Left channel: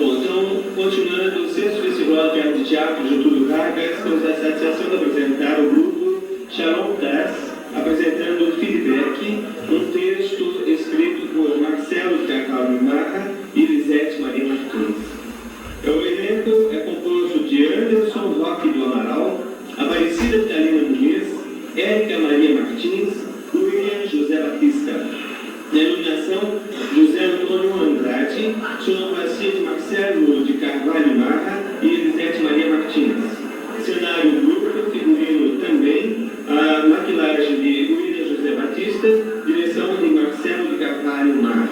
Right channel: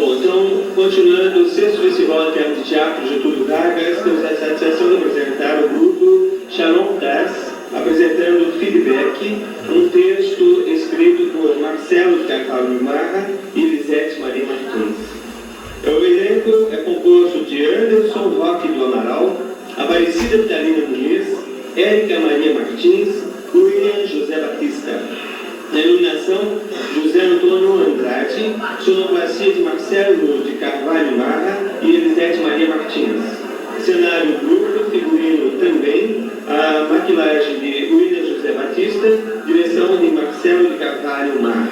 Bom, então, continuando o 6º Festival de Teatro Getúlio Vargas, temos a satisfação de apresentar o grupo Shalom Das, apresentando Feedback, um texto escrito por Marcelo de Carvalho Marra e Lisete Maria Martins. O elenco é composto de Anderson Roque do Amaral, Aparecida Vitalina Muniz, Érica Maria Martins, William José Batista. Na iluminação, José Antônio Andrade, sonoplastia de Marcelo de Carvalho Marra e Elisete Maria Martins. Cenário grupo, figurino também, a maquilagem de William José Batista, direção de Marcelo de Carvalho Marra.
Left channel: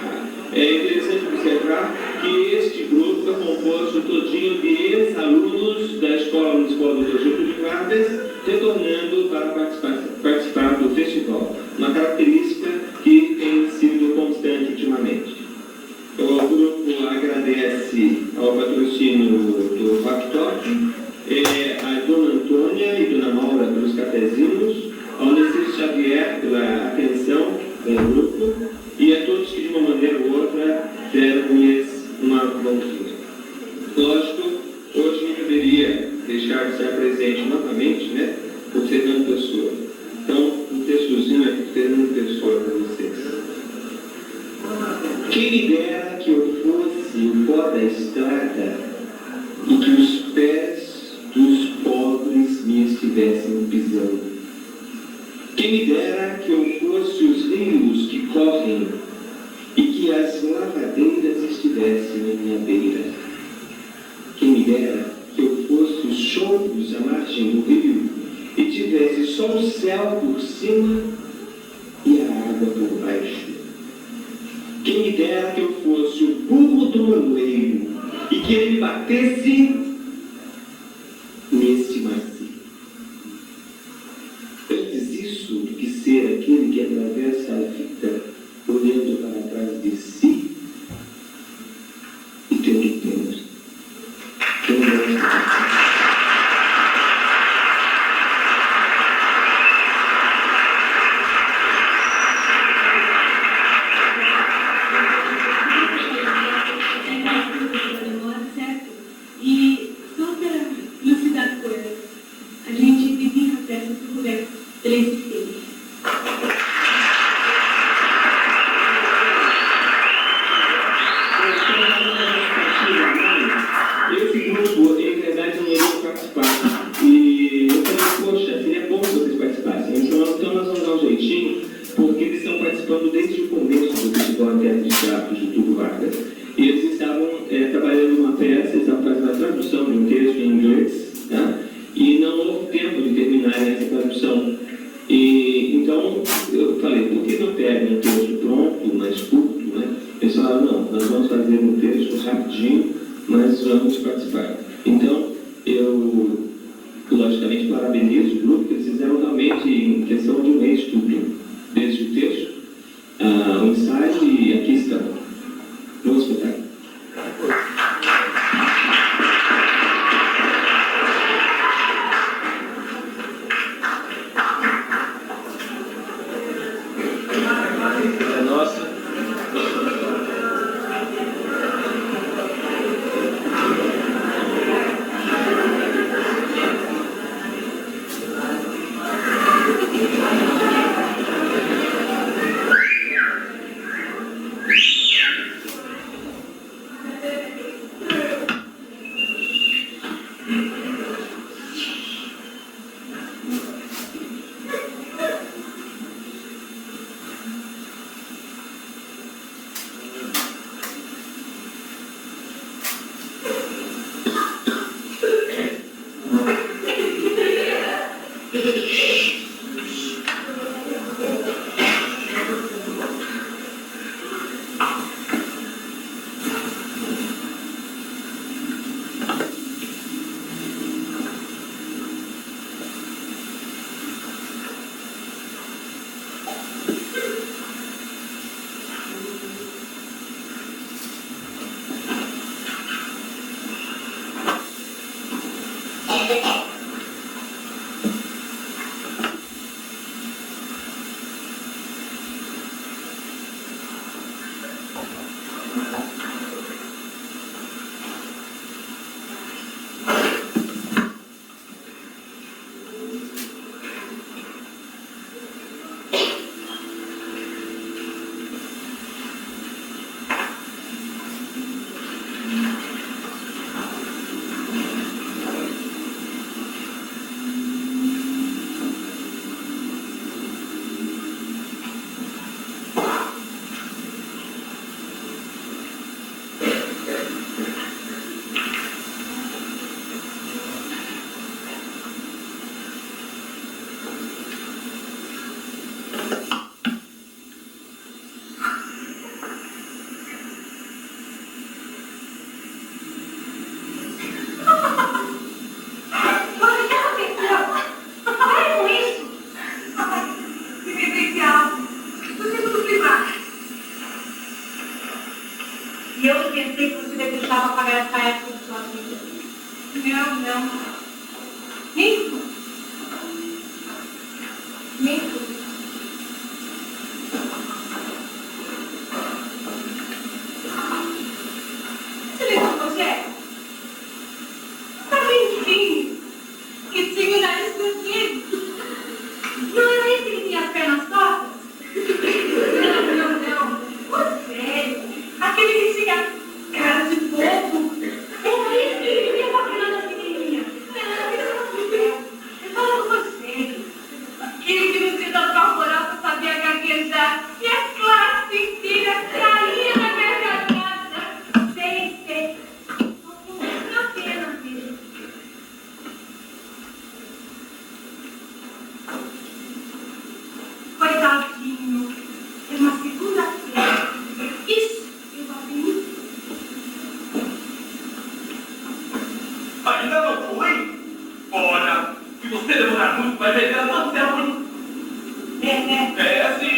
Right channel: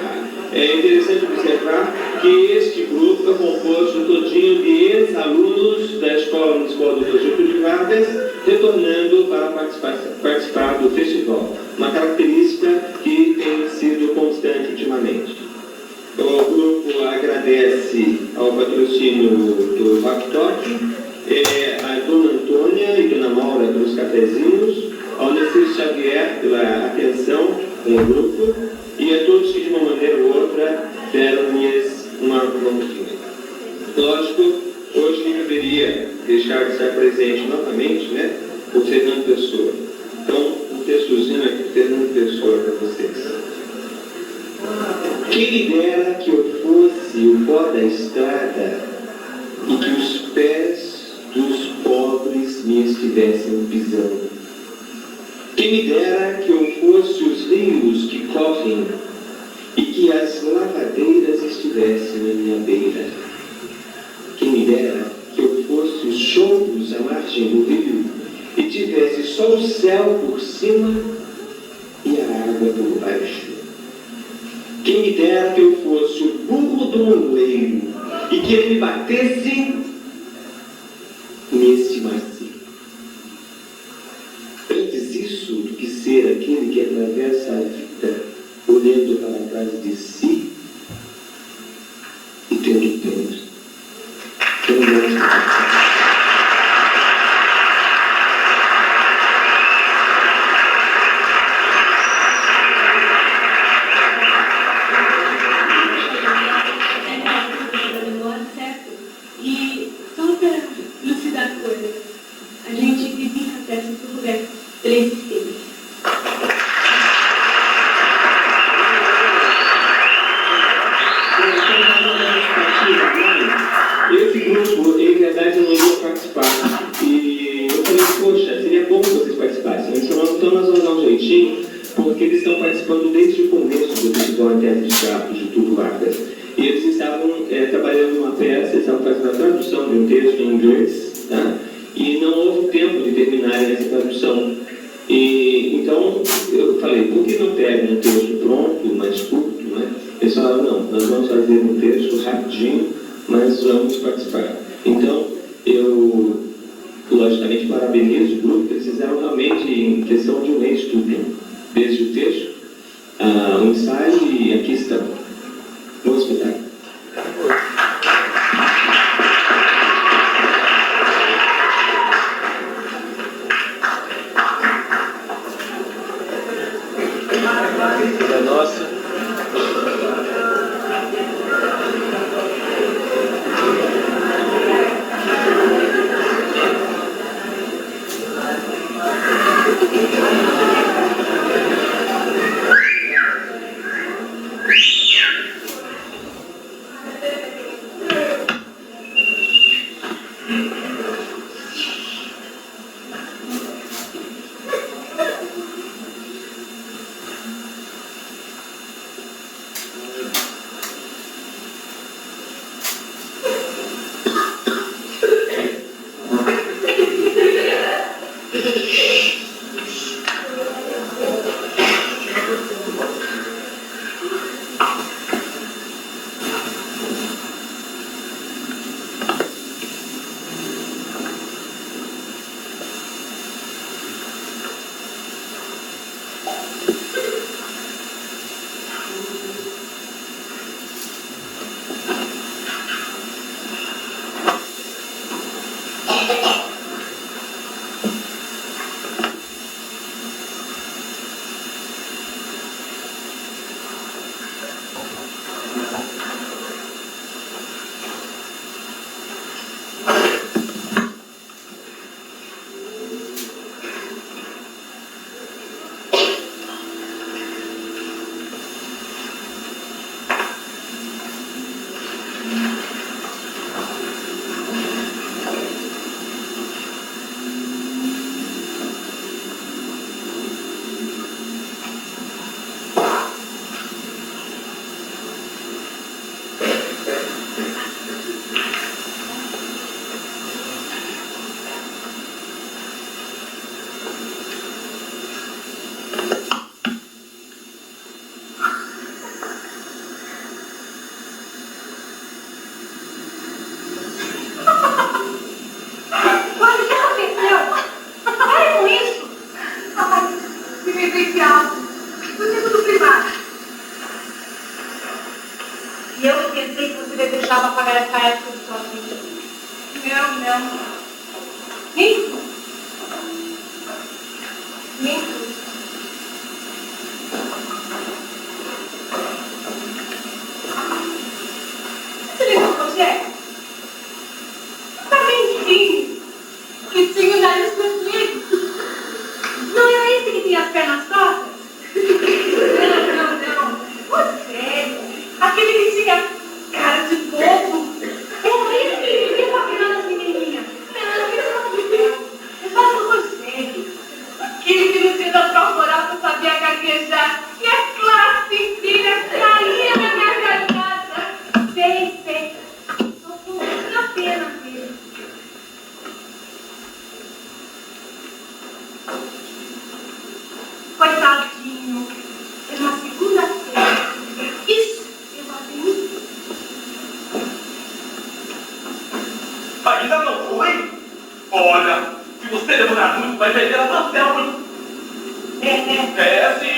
É interessante observar que este grupo é composto todinho de ex-alunos da Escola Municipal do Getúlio Vargas, retornando para participar do festival. Uma característica que tem sido constante ultimamente. O grupo agradece ao patrocínio do VACTOC, a Dona Antônia e Dona Maura pelos cafezinhos, ao Nestor Xavier pela atenção com o grupo e a todos que de uma maneira ou outra deram-lhes uma mãozinha. Lógico, hoje não deveria deixar de estar presente novamente, né, o Fernando Pessoa. Então, um textozinho aqui do Fernando Pessoa para vocês. Quem me dera que eu fosse o pó da estrada e que os pés dos pobres me estivessem pisando. Quem me dera que eu fosse os rios que correm e que as lavadeiras estivessem na minha beira. Quem me dera que eu fosse os choupos à margem do rio e tivesse só o céu por cima e a água por baixo. Quem me dera que eu fosse o burro do moleiro e que ele batesse neste macio. Antes isso do que ser aquele que atravessa a vida olhando para trás de si e tendo pena. Esse grupo, ele, na verdade, não ia participar. E eu falei, poxa, seria bom que vocês participassem. Então nós vamos dar um jeitinho, porque eles estão participando desde o começo do Festival de Teatro Getúlio Vargas. E eles estavam trabalhando numa peça, eles estavam fazendo a tradução de um texto em inglês, tá? E não houve tempo de terminarem essa tradução. E então eu falei, por que não pegam um texto pronto, mais curto, né? Eles falaram, não, nós vamos fazer um texto rapidinho, mas vamos participar. Então, eu, logicamente, parabenizo o grupo, eles fizeram realmente, em questão de um mês, tudo. Desde o texto, o ensaio, e aqui estamos. Vamos escutar. Nossa. pra época de sua vida. Não. Nem tu. Nem tu. Você lembra do Rogério? Talentinho. Que tinha o nariz pequeno. Não era esse que tinha as pernas tortas? Não. O sério. Aquele que tinha cara de bobo. Era esse que tinha paquerando as menininhas. Eu falo com você. Aquele que no dia da prova oral não sabia gaguejar. E a classe filha saía da gargalhada. Sei. Só foi uma pena, filho. Coitadinho. Era uma segunda-feira. Isso, eu abri. Ainda não foi? Olha, se você demorar muito, vai perder a hotel, hein? É, sim.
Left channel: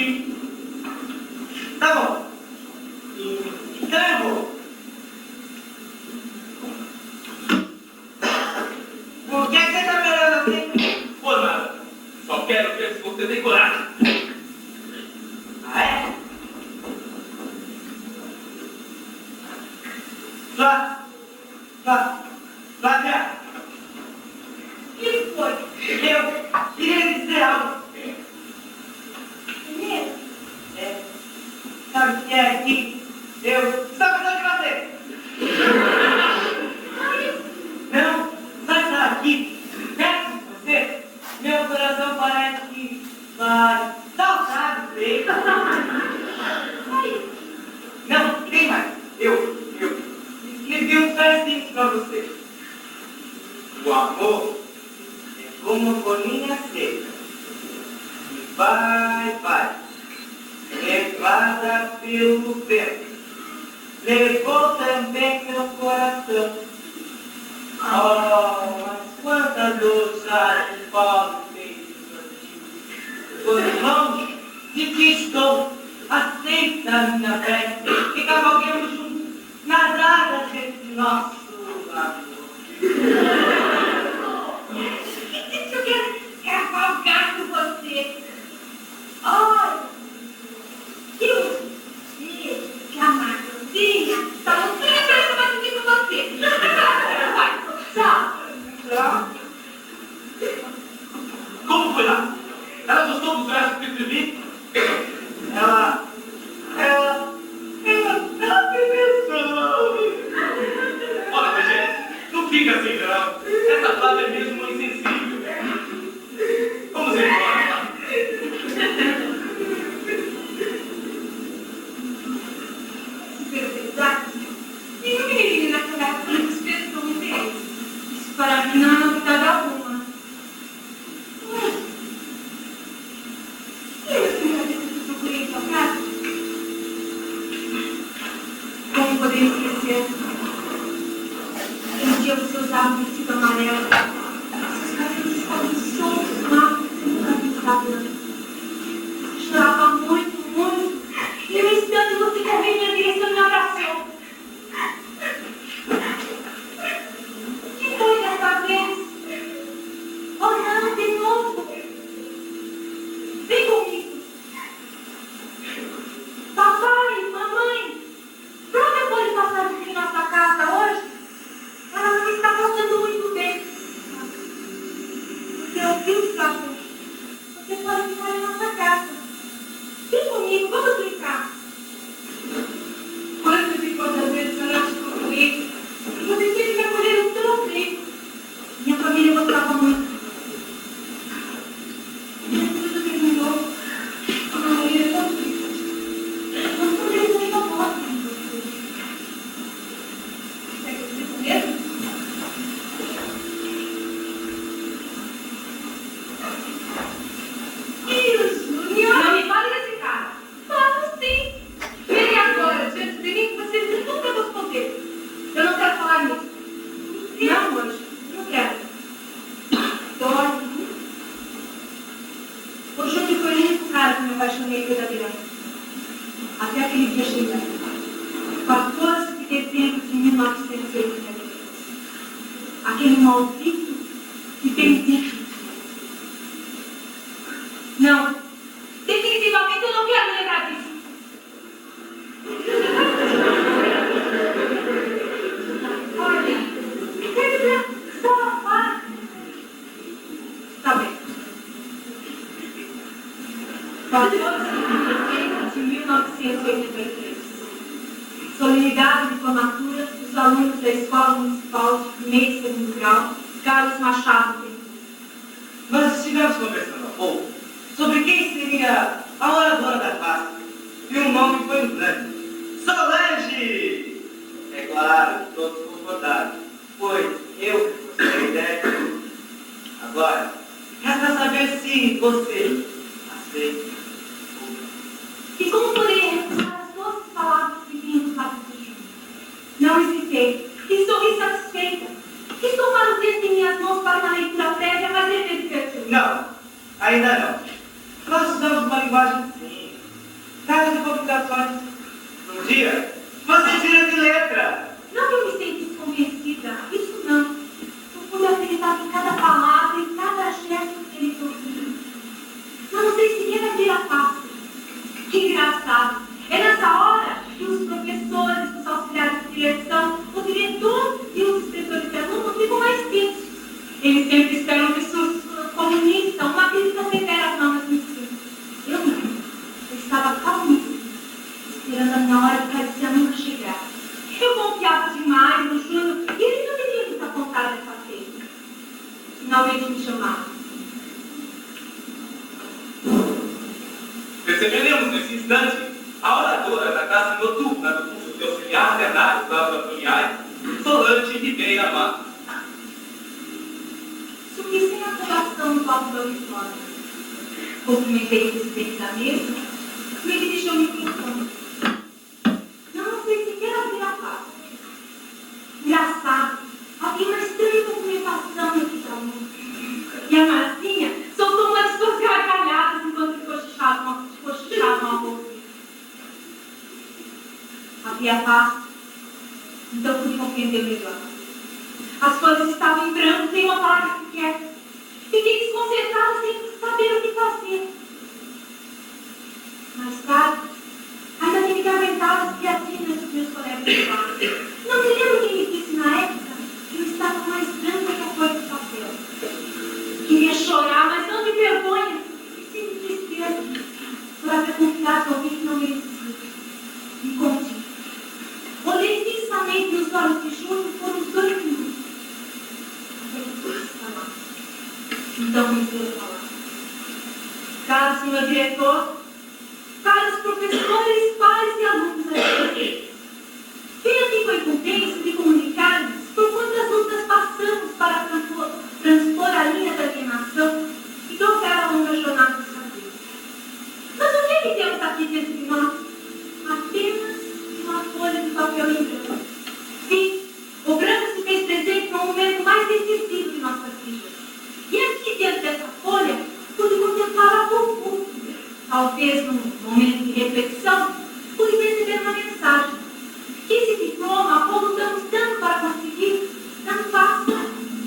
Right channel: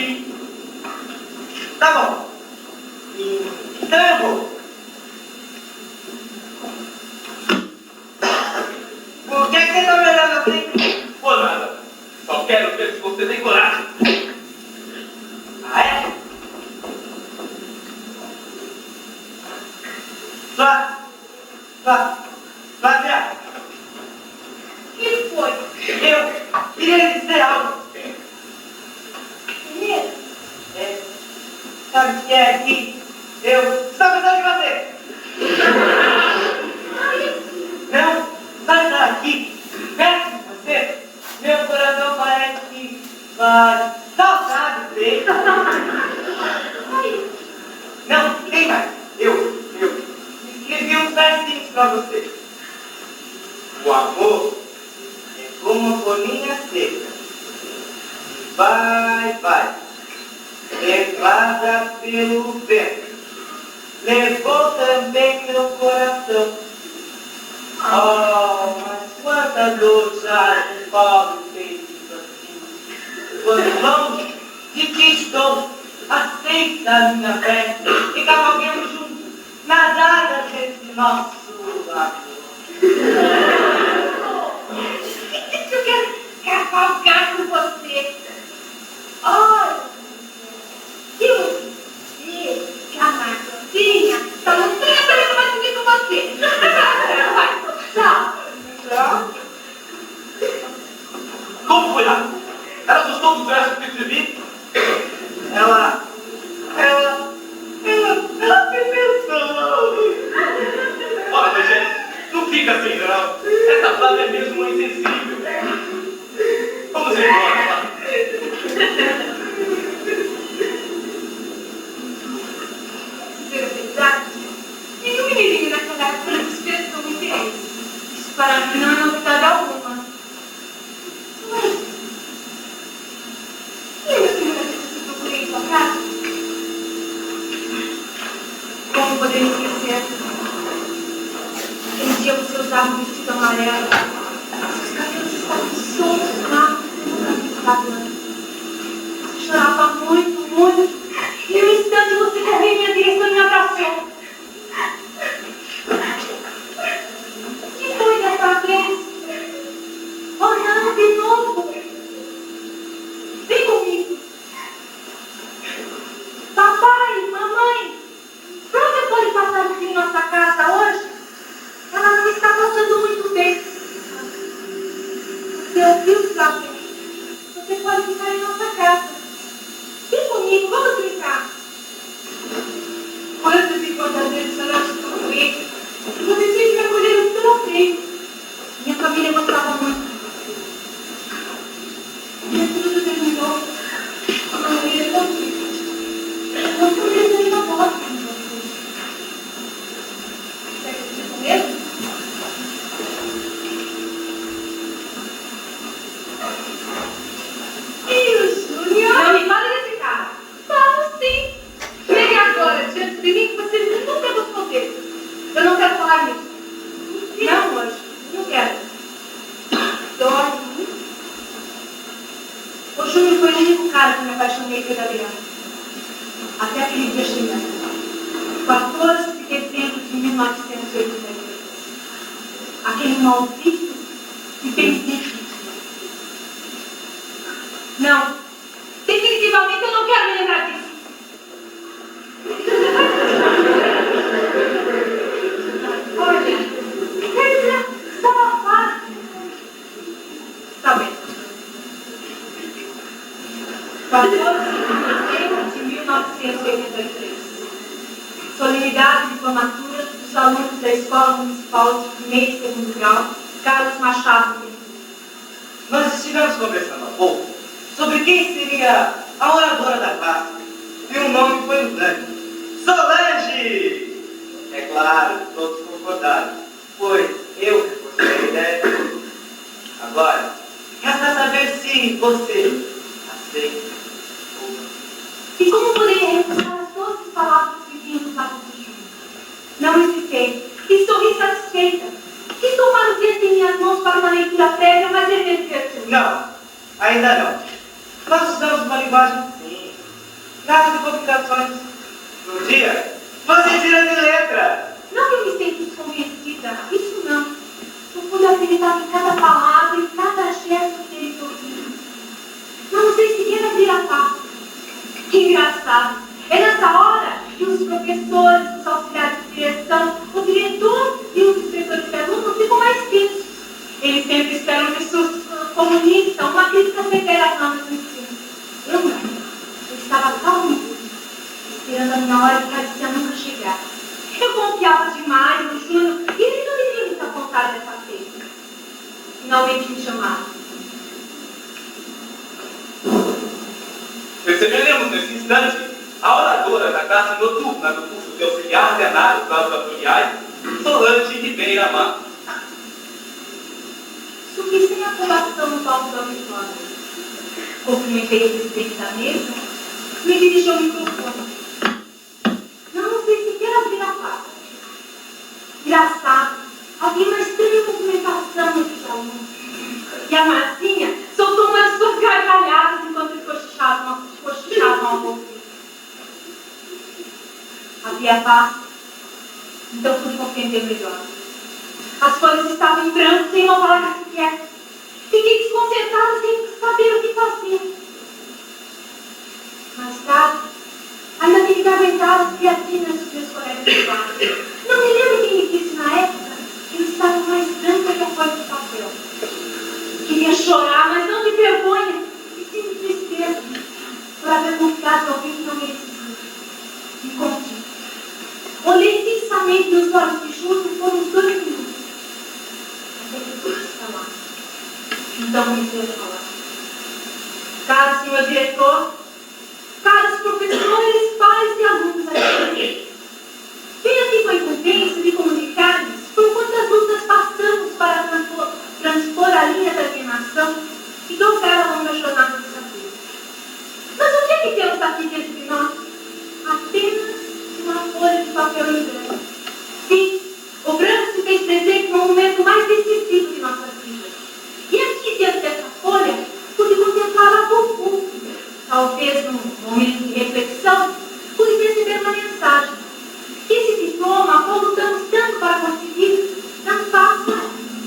Tá bom. Então eu vou. Por que você tá me olhando assim? Por nada. Só quero ver se você tem coragem. Ah, é? Flávia. O que foi? Eu queria lhe dizer algo. Menino? Sabe o que é aqui? Eu estou pensando em você. Não, sabe estar aqui, perto de você? Meu coração parece que vai saltar de peito. Não, tem mais. Eu escrevi um versinho para você. O amor é como uma folhinha seca. E vai. Levada pelo vento. Levou também meu coração. Oh, mas quanta dor já um pobre feito assim. Quando longe de que estou, aceita a minha festa e cavalguemos juntos nas águas desse nosso amor. Eu quero cavalgar com você. Olha, se você camarãozinha, tá muito bem para eu fazer com você. Vai, tchau. Como foi lá? Ela gostou do verso que eu escrevi? Ela pensou. Olha, gente, não fica assim, não. Essa Flávia é mesmo uma insensível. Vamos embora, lá. E o menininho naquela época não despertou o interesse. Isso para mim não é novidade alguma. E aí, a primeira vez que eu procurei sua casa? Como poder esquecer? Aquele dia você usava um vestido amarelo. Seus cabelos estavam soltos lá, no cabelo. Você chorava muito. E no instante você correu em minha direção e me abraçou. Que foi dessa vez? Olhar de novo. Vem comigo. Papai, mamãe, pronto, pode passar aqui em nossa casa hoje? Ela não está passando muito bem. Você ouviu, sabe? Você pode ficar em nossa casa. Vem comigo, vamos brincar. Quantas e quantas vezes eu não te procurei? Você sempre me acolheu pela frente. Minha família gostava muito. Minha tudo terminou. A minha vida é tão triste. Mas também eles ainda gostam de você. Você acredita mesmo? Júnior! Não me fale desse cara. Falo sim. Chegue agora, diante de mim, que você nunca gostou dele. Eu não quero falar nisso. Não, hoje. Não quero. Dói. O Júnior foi o único cara que me apaixonei pela Adriana. Até aquele dia chegando. 14 de dezembro de 1980. aquele maldito e bendito. Não, definitivamente eu não quero me lembrar disso. Olha, está bem. 14 de 1983. Solenidade de formatura dos alunos da Escola Municipal de Primeiro e Segundo Grau, Carlos Machado. Nós estivemos conversando há pouco sobre quem seria a oradora da classe. E o nome foi unânime. Solange! É claro, todos concordaram. Foi eu que gostei da ideia. Agora, resta saber se você aceita ou não. E como poderia recusar as doces palavras que vinham do lado de Júnior? Não hesitei e sorri satisfeita. Estou para o texto em minhas mãos para uma leitura prévia, mas dever de ter. Não, ainda não. Nós usamos uma linguagem simples. Casa de comunicações. Um dia, você tira de letra. Não que eu me sentisse convencida, isso não. Eu pude acreditar em cada palavra e cada gesto que ele ouviu. Não sei sequer abrir a pasta. Que engraçado. É nessa hora que os professores, os auxiliares de direção, o diretor e os inspetores perguntam ficam mais tensos. Eles sempre esperam um discurso comunista, uma crítica severa à banda de ensino. Eu não. Eu estava calminha, esperando a minha hora que parecia nunca chegar. Eu confiava demais no Júnior e ele não iria me apontar dessa feita. Finalmente me chamaram. Receberemos nesse instante a oradora da classe noturna do curso de auxiliar veterinário para os familiares, Solange Ribeira Matos. Subi sem aprovação no palco da auditória. Cumprimentei o presidente da mesa e me dirigi ao microfone. Não sei sequer abrir a placa. Engraçado, havia uma estranha movimentação entre os alunos. E a Marcinha soltou uma de suas gargalhadas enquanto cochichavam ao ouvir. Havia paz, então pude compreender melhor. As coisas estavam em branco, sem uma palavra sequer. Fiquei desconcertada sem saber o que fazer. Mais tarde, ainda tive que aguentar as criatinas dos meus colegas de classe. Não me lembro quem me disse na época que eu estava mais branca que a folha de papel. Queria chorar, mas não de vergonha, e sim de tristeza, por haver confiado em alguém que não merecia. Me contive. Olhei fixamente nos olhos de Júnior por uns 2 minutos. Então comecei a falar. Caro senhor diretor, caros professores, pais e alunos aqui. Venho aqui com a incumbência de comunicar-lhes por quantas lutas passamos para transpor a linha da alienação e dobrar a longa jornada de saber. Mas o que é que temos aqui dentro de nós? Apenas uma folha de papel em branco. Sim, o branco se fez presente no momento mais decisivo de nossas vidas. E aqui dentro dessa folha, pude contemplar a pouco. Talvez num momento de reflexão, pude perceber uma mensagem. Que esse diploma, quando lutamos tanto para conseguir, não passa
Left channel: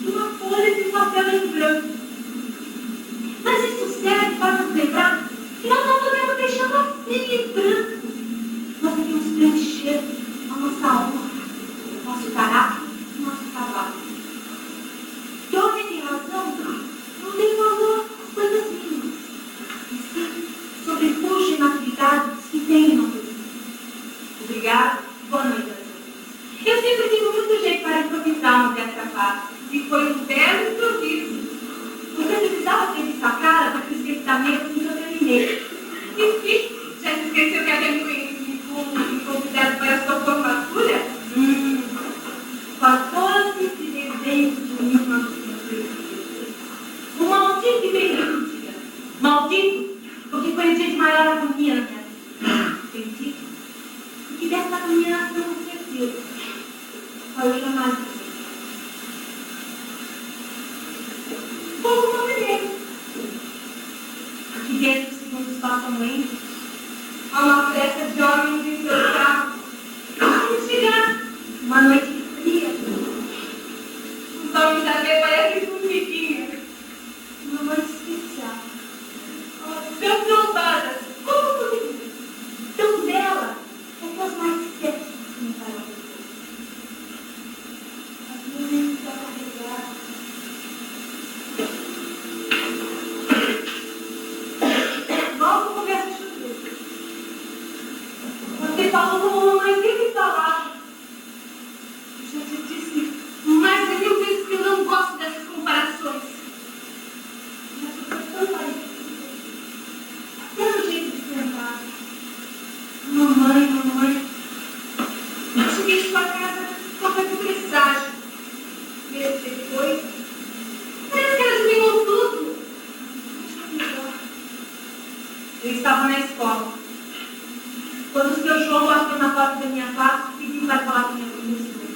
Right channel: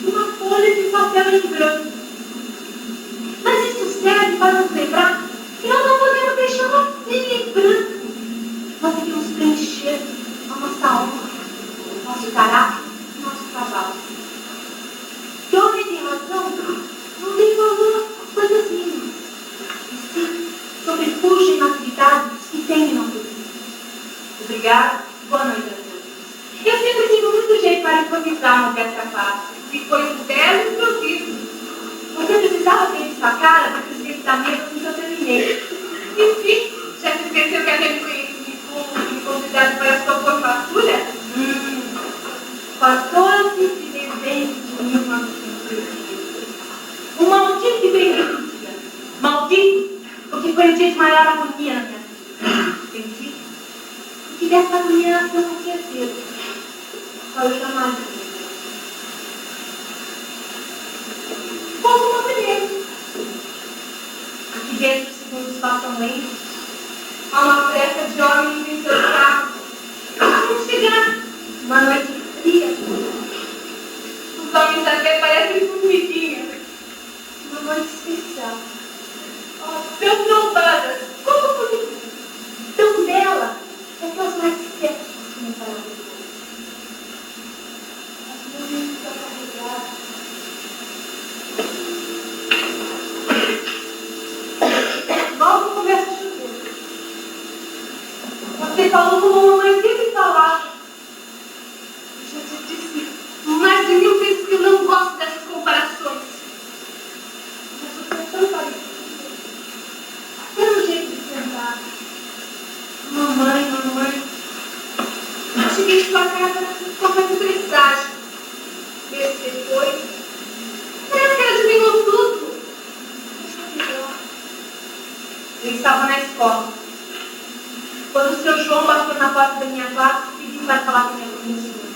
uma folha de papel em branco. Mas isso serve para nos lembrar que nós não podemos deixá-la nem em branco. Nós devemos preencher a nossa honra, nosso caráter e nosso trabalho. Que homem tem razão, não tem valor às coisas mínimas. E sim, sobrepuja na atividade que tem uma coisa. Obrigada, boa noite a todos. Eu sempre tive muito jeito para improvisar no dessa classe, e foi um belo improviso. Você precisava ter visto a cara do presidente da mesa que eu terminei. Enfim, já se esqueceu que aquele me convidado para a sua formatura? 14 de dezembro de 1983. Um maldito e bendito. Maldito, porque foi o dia de maior agonia na minha vida. Bendito, porque dessa agonia nasceu com certeza. Só eu jamais. Pouco movimento. Aqui dentro do segundo espaço lento, há uma festa de homens em seus carros. Vamos chegar. Uma noite fria. Os homens falar com minha conhecida.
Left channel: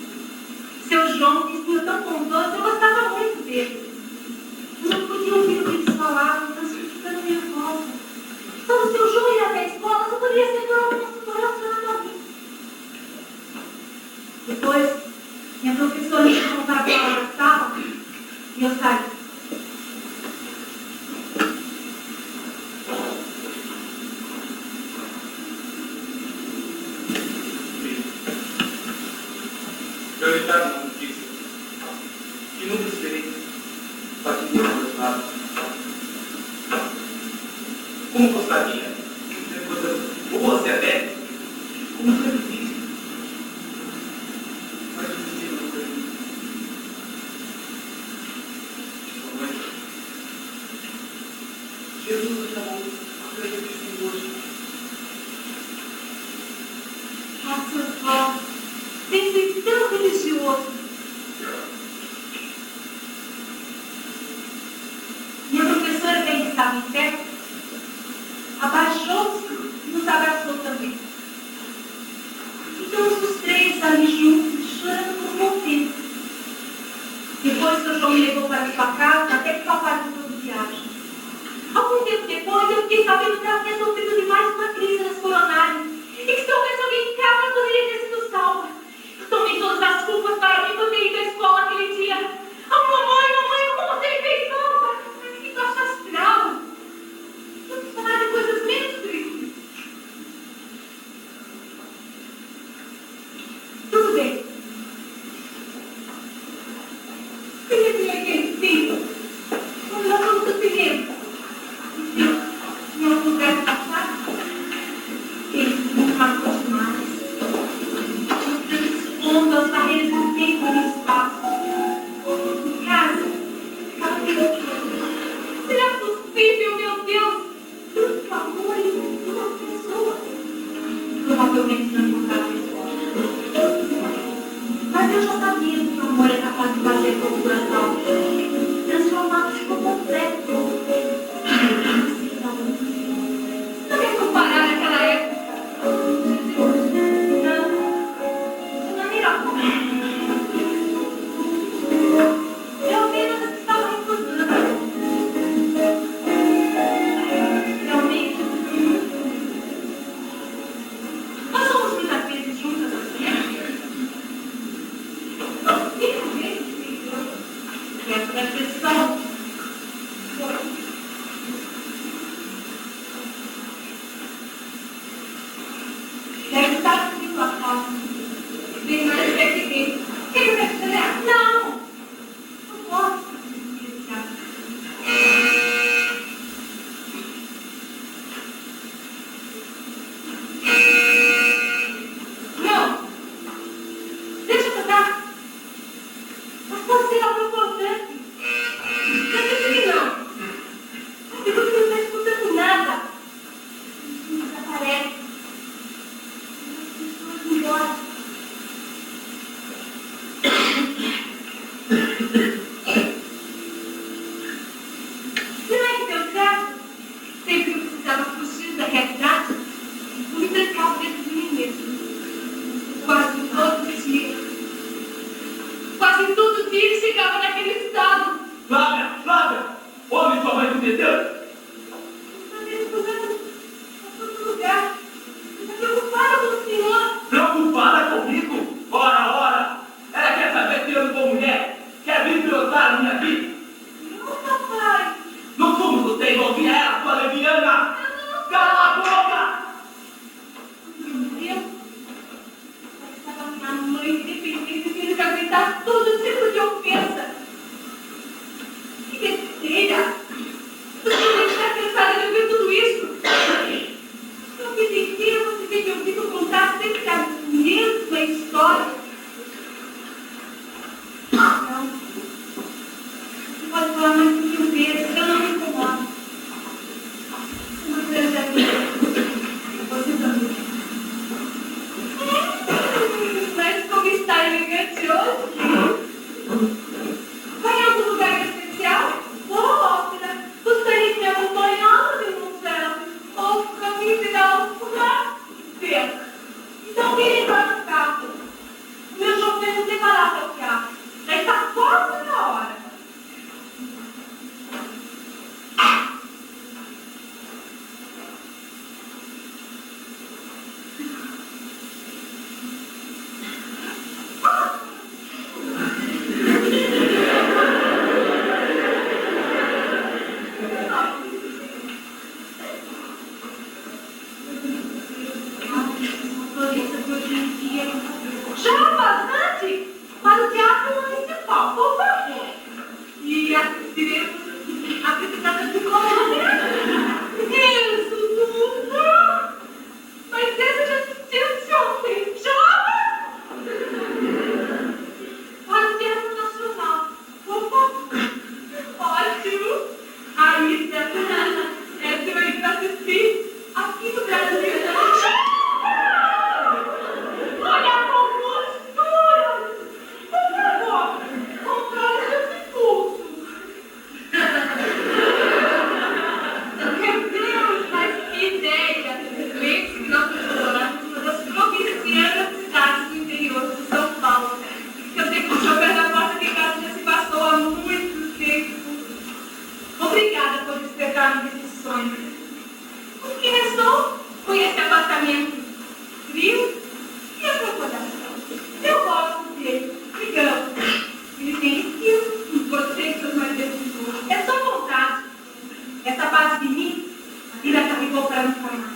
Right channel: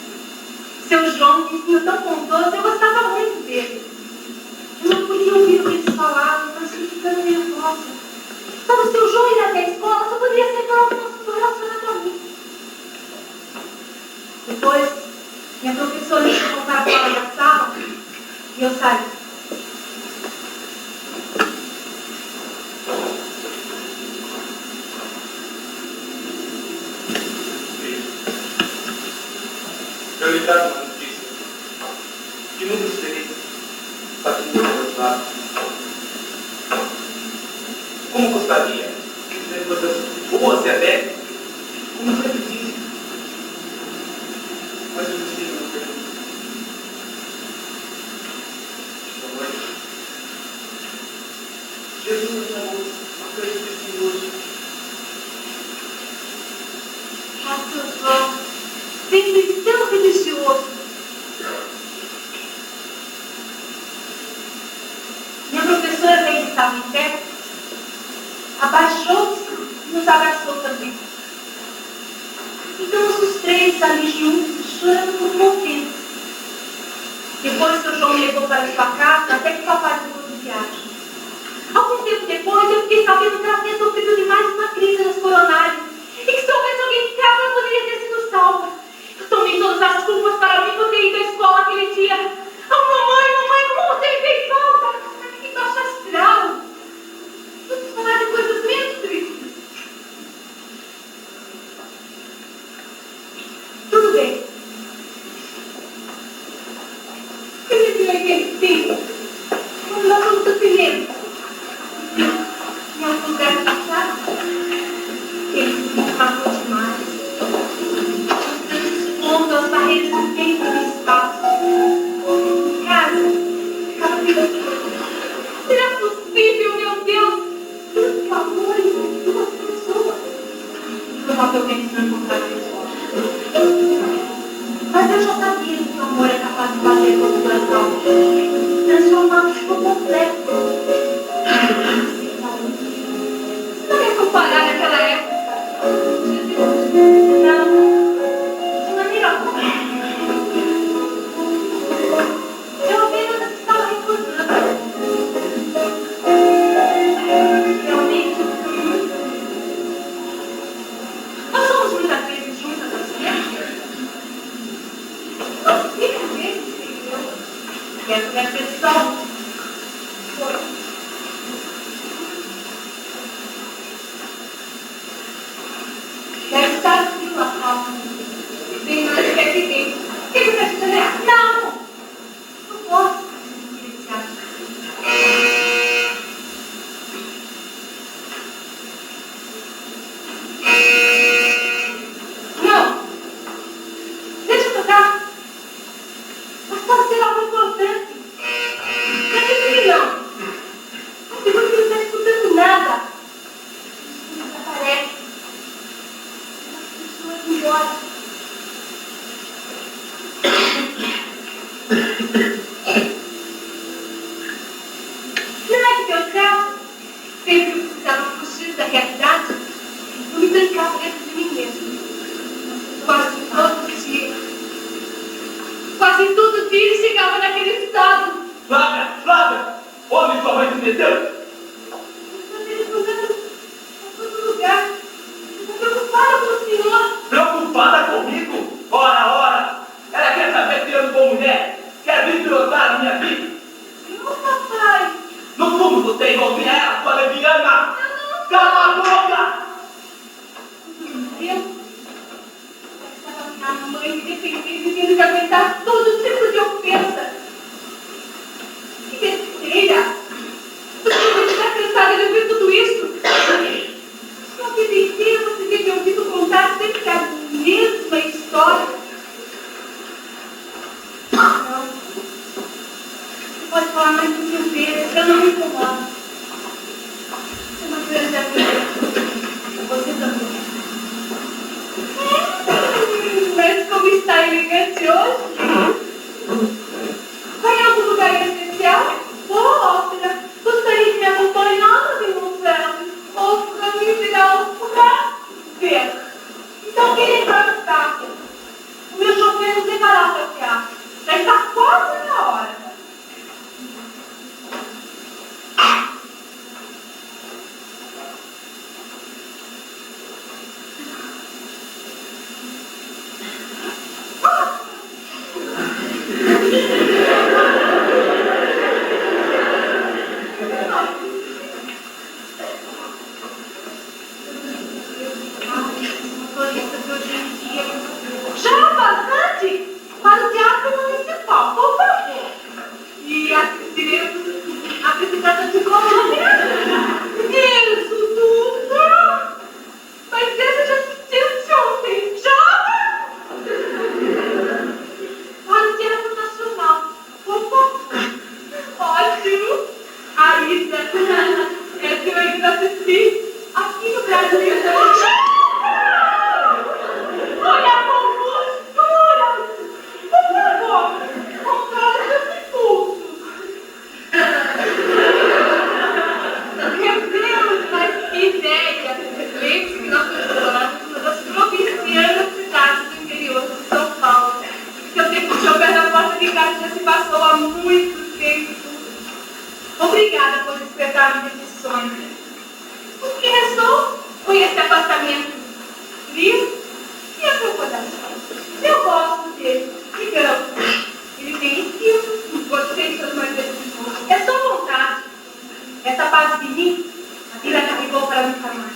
Seu João, um menino tão bondoso, eu gostava muito dele. Eu não podia ouvir o que eles falavam, eu estava ficando nervosa. Quando o seu João ia até a escola, eu poderia ser pelo assunto relacionado a mim. Depois, minha professora me chamou para fora da sala e eu saí. Eu lhe trago uma notícia que nunca esperei. Está tudo do meu lado. Como gostaria de dizer coisas boas e alegres, como sempre disse. Mas eu disse não permito. Sua mãe, Jesus me chamou a coisa do Senhor. Nossa, João, sempre tão religioso. Minha professora veio estar em pé, abaixou-se e nos abraçou também. Ficamos os três ali juntos, chorando por um bom tempo. Depois que o João me levou para sua casa, até que papai voltou de viagem. Algum tempo depois, eu fiquei sabendo que ela tinha sofrido de mais uma crise nas coronárias e que se houvesse alguém em casa, ela poderia ter sido salva. Eu tomei todas as culpas para mim por ter ido à escola aquele dia. Mamãe, como você me fez falta? Que baixa astral. Vamos falar de coisas menos tristes. Tudo bem. Ele viu aquele filho. Nós vamos do cinema. Em algum lugar do passado, ele se matou demais. Transpondo as barreiras do tempo e do espaço. Em casa, estava pensando: será possível, meu Deus, tanto amor em duas pessoas? Provavelmente não encontraram igual. Mas eu já sabia que o amor é capaz de fazer com o coração, transformá-los por completo. Não é comparar aquela época. Não, de maneira alguma. Eu apenas estava recordando. Realmente, nós somos muitas vezes juntas assim. Muitas vezes, entendeu? Essa é a questão. Deve estar frio a calça. Vem na presidente. O que você está fazendo? Não! Não posso. Não! Deixa eu tocar. Mas pode ser algo importante. Não sei se não. Porque você não está escutando nada. Isso desaparece. As pessoas embora. Não é que meu caso sempre precisava fugir da realidade. Eu me trancava dentro de mim mesmo. Quase todo dia. Quase todo dia ele chegava naquele estado. Flávia! Onde sua mãe se meteu? Vocês jogando por todo lugar. Eu estou preocupada com o senhor. Preocupada comigo? Ora! Ela quer saber se eu sou mulher? Quer vir pilotar a minha vida? Não, papai. No fundo você envolvia ela, sua leviana! Cala a boca! Entendeu? Estava minha mãe me defendendo que eles aguentaram todo tipo de ofensa. Que besteira! Você não está cansada de ouvir tudo isso? Sua vida inteira você tem ouvido contar sempre a mesma história. Não. Você pode falar mais do que eu vejo, eu não me incomodo. Você não precisa ver. Você também. Mas como está elegante hoje? Vai em algum lugar em especial? Ópera, gostaria de me acompanhar, meu céu. Ou para me ensinar a furar? Ver. Então quem entrar no carro? madrugada já se passou há muito tempo. Obrigada por despertar-me desse sonho. O que restou foi esse apartamento frio e a concordação. Eu gosto dele. Então, ele tem esquilo. Gostei das maneiras de jogo. É só vontade. Essa parte de mim, a vida carregou para nunca mais.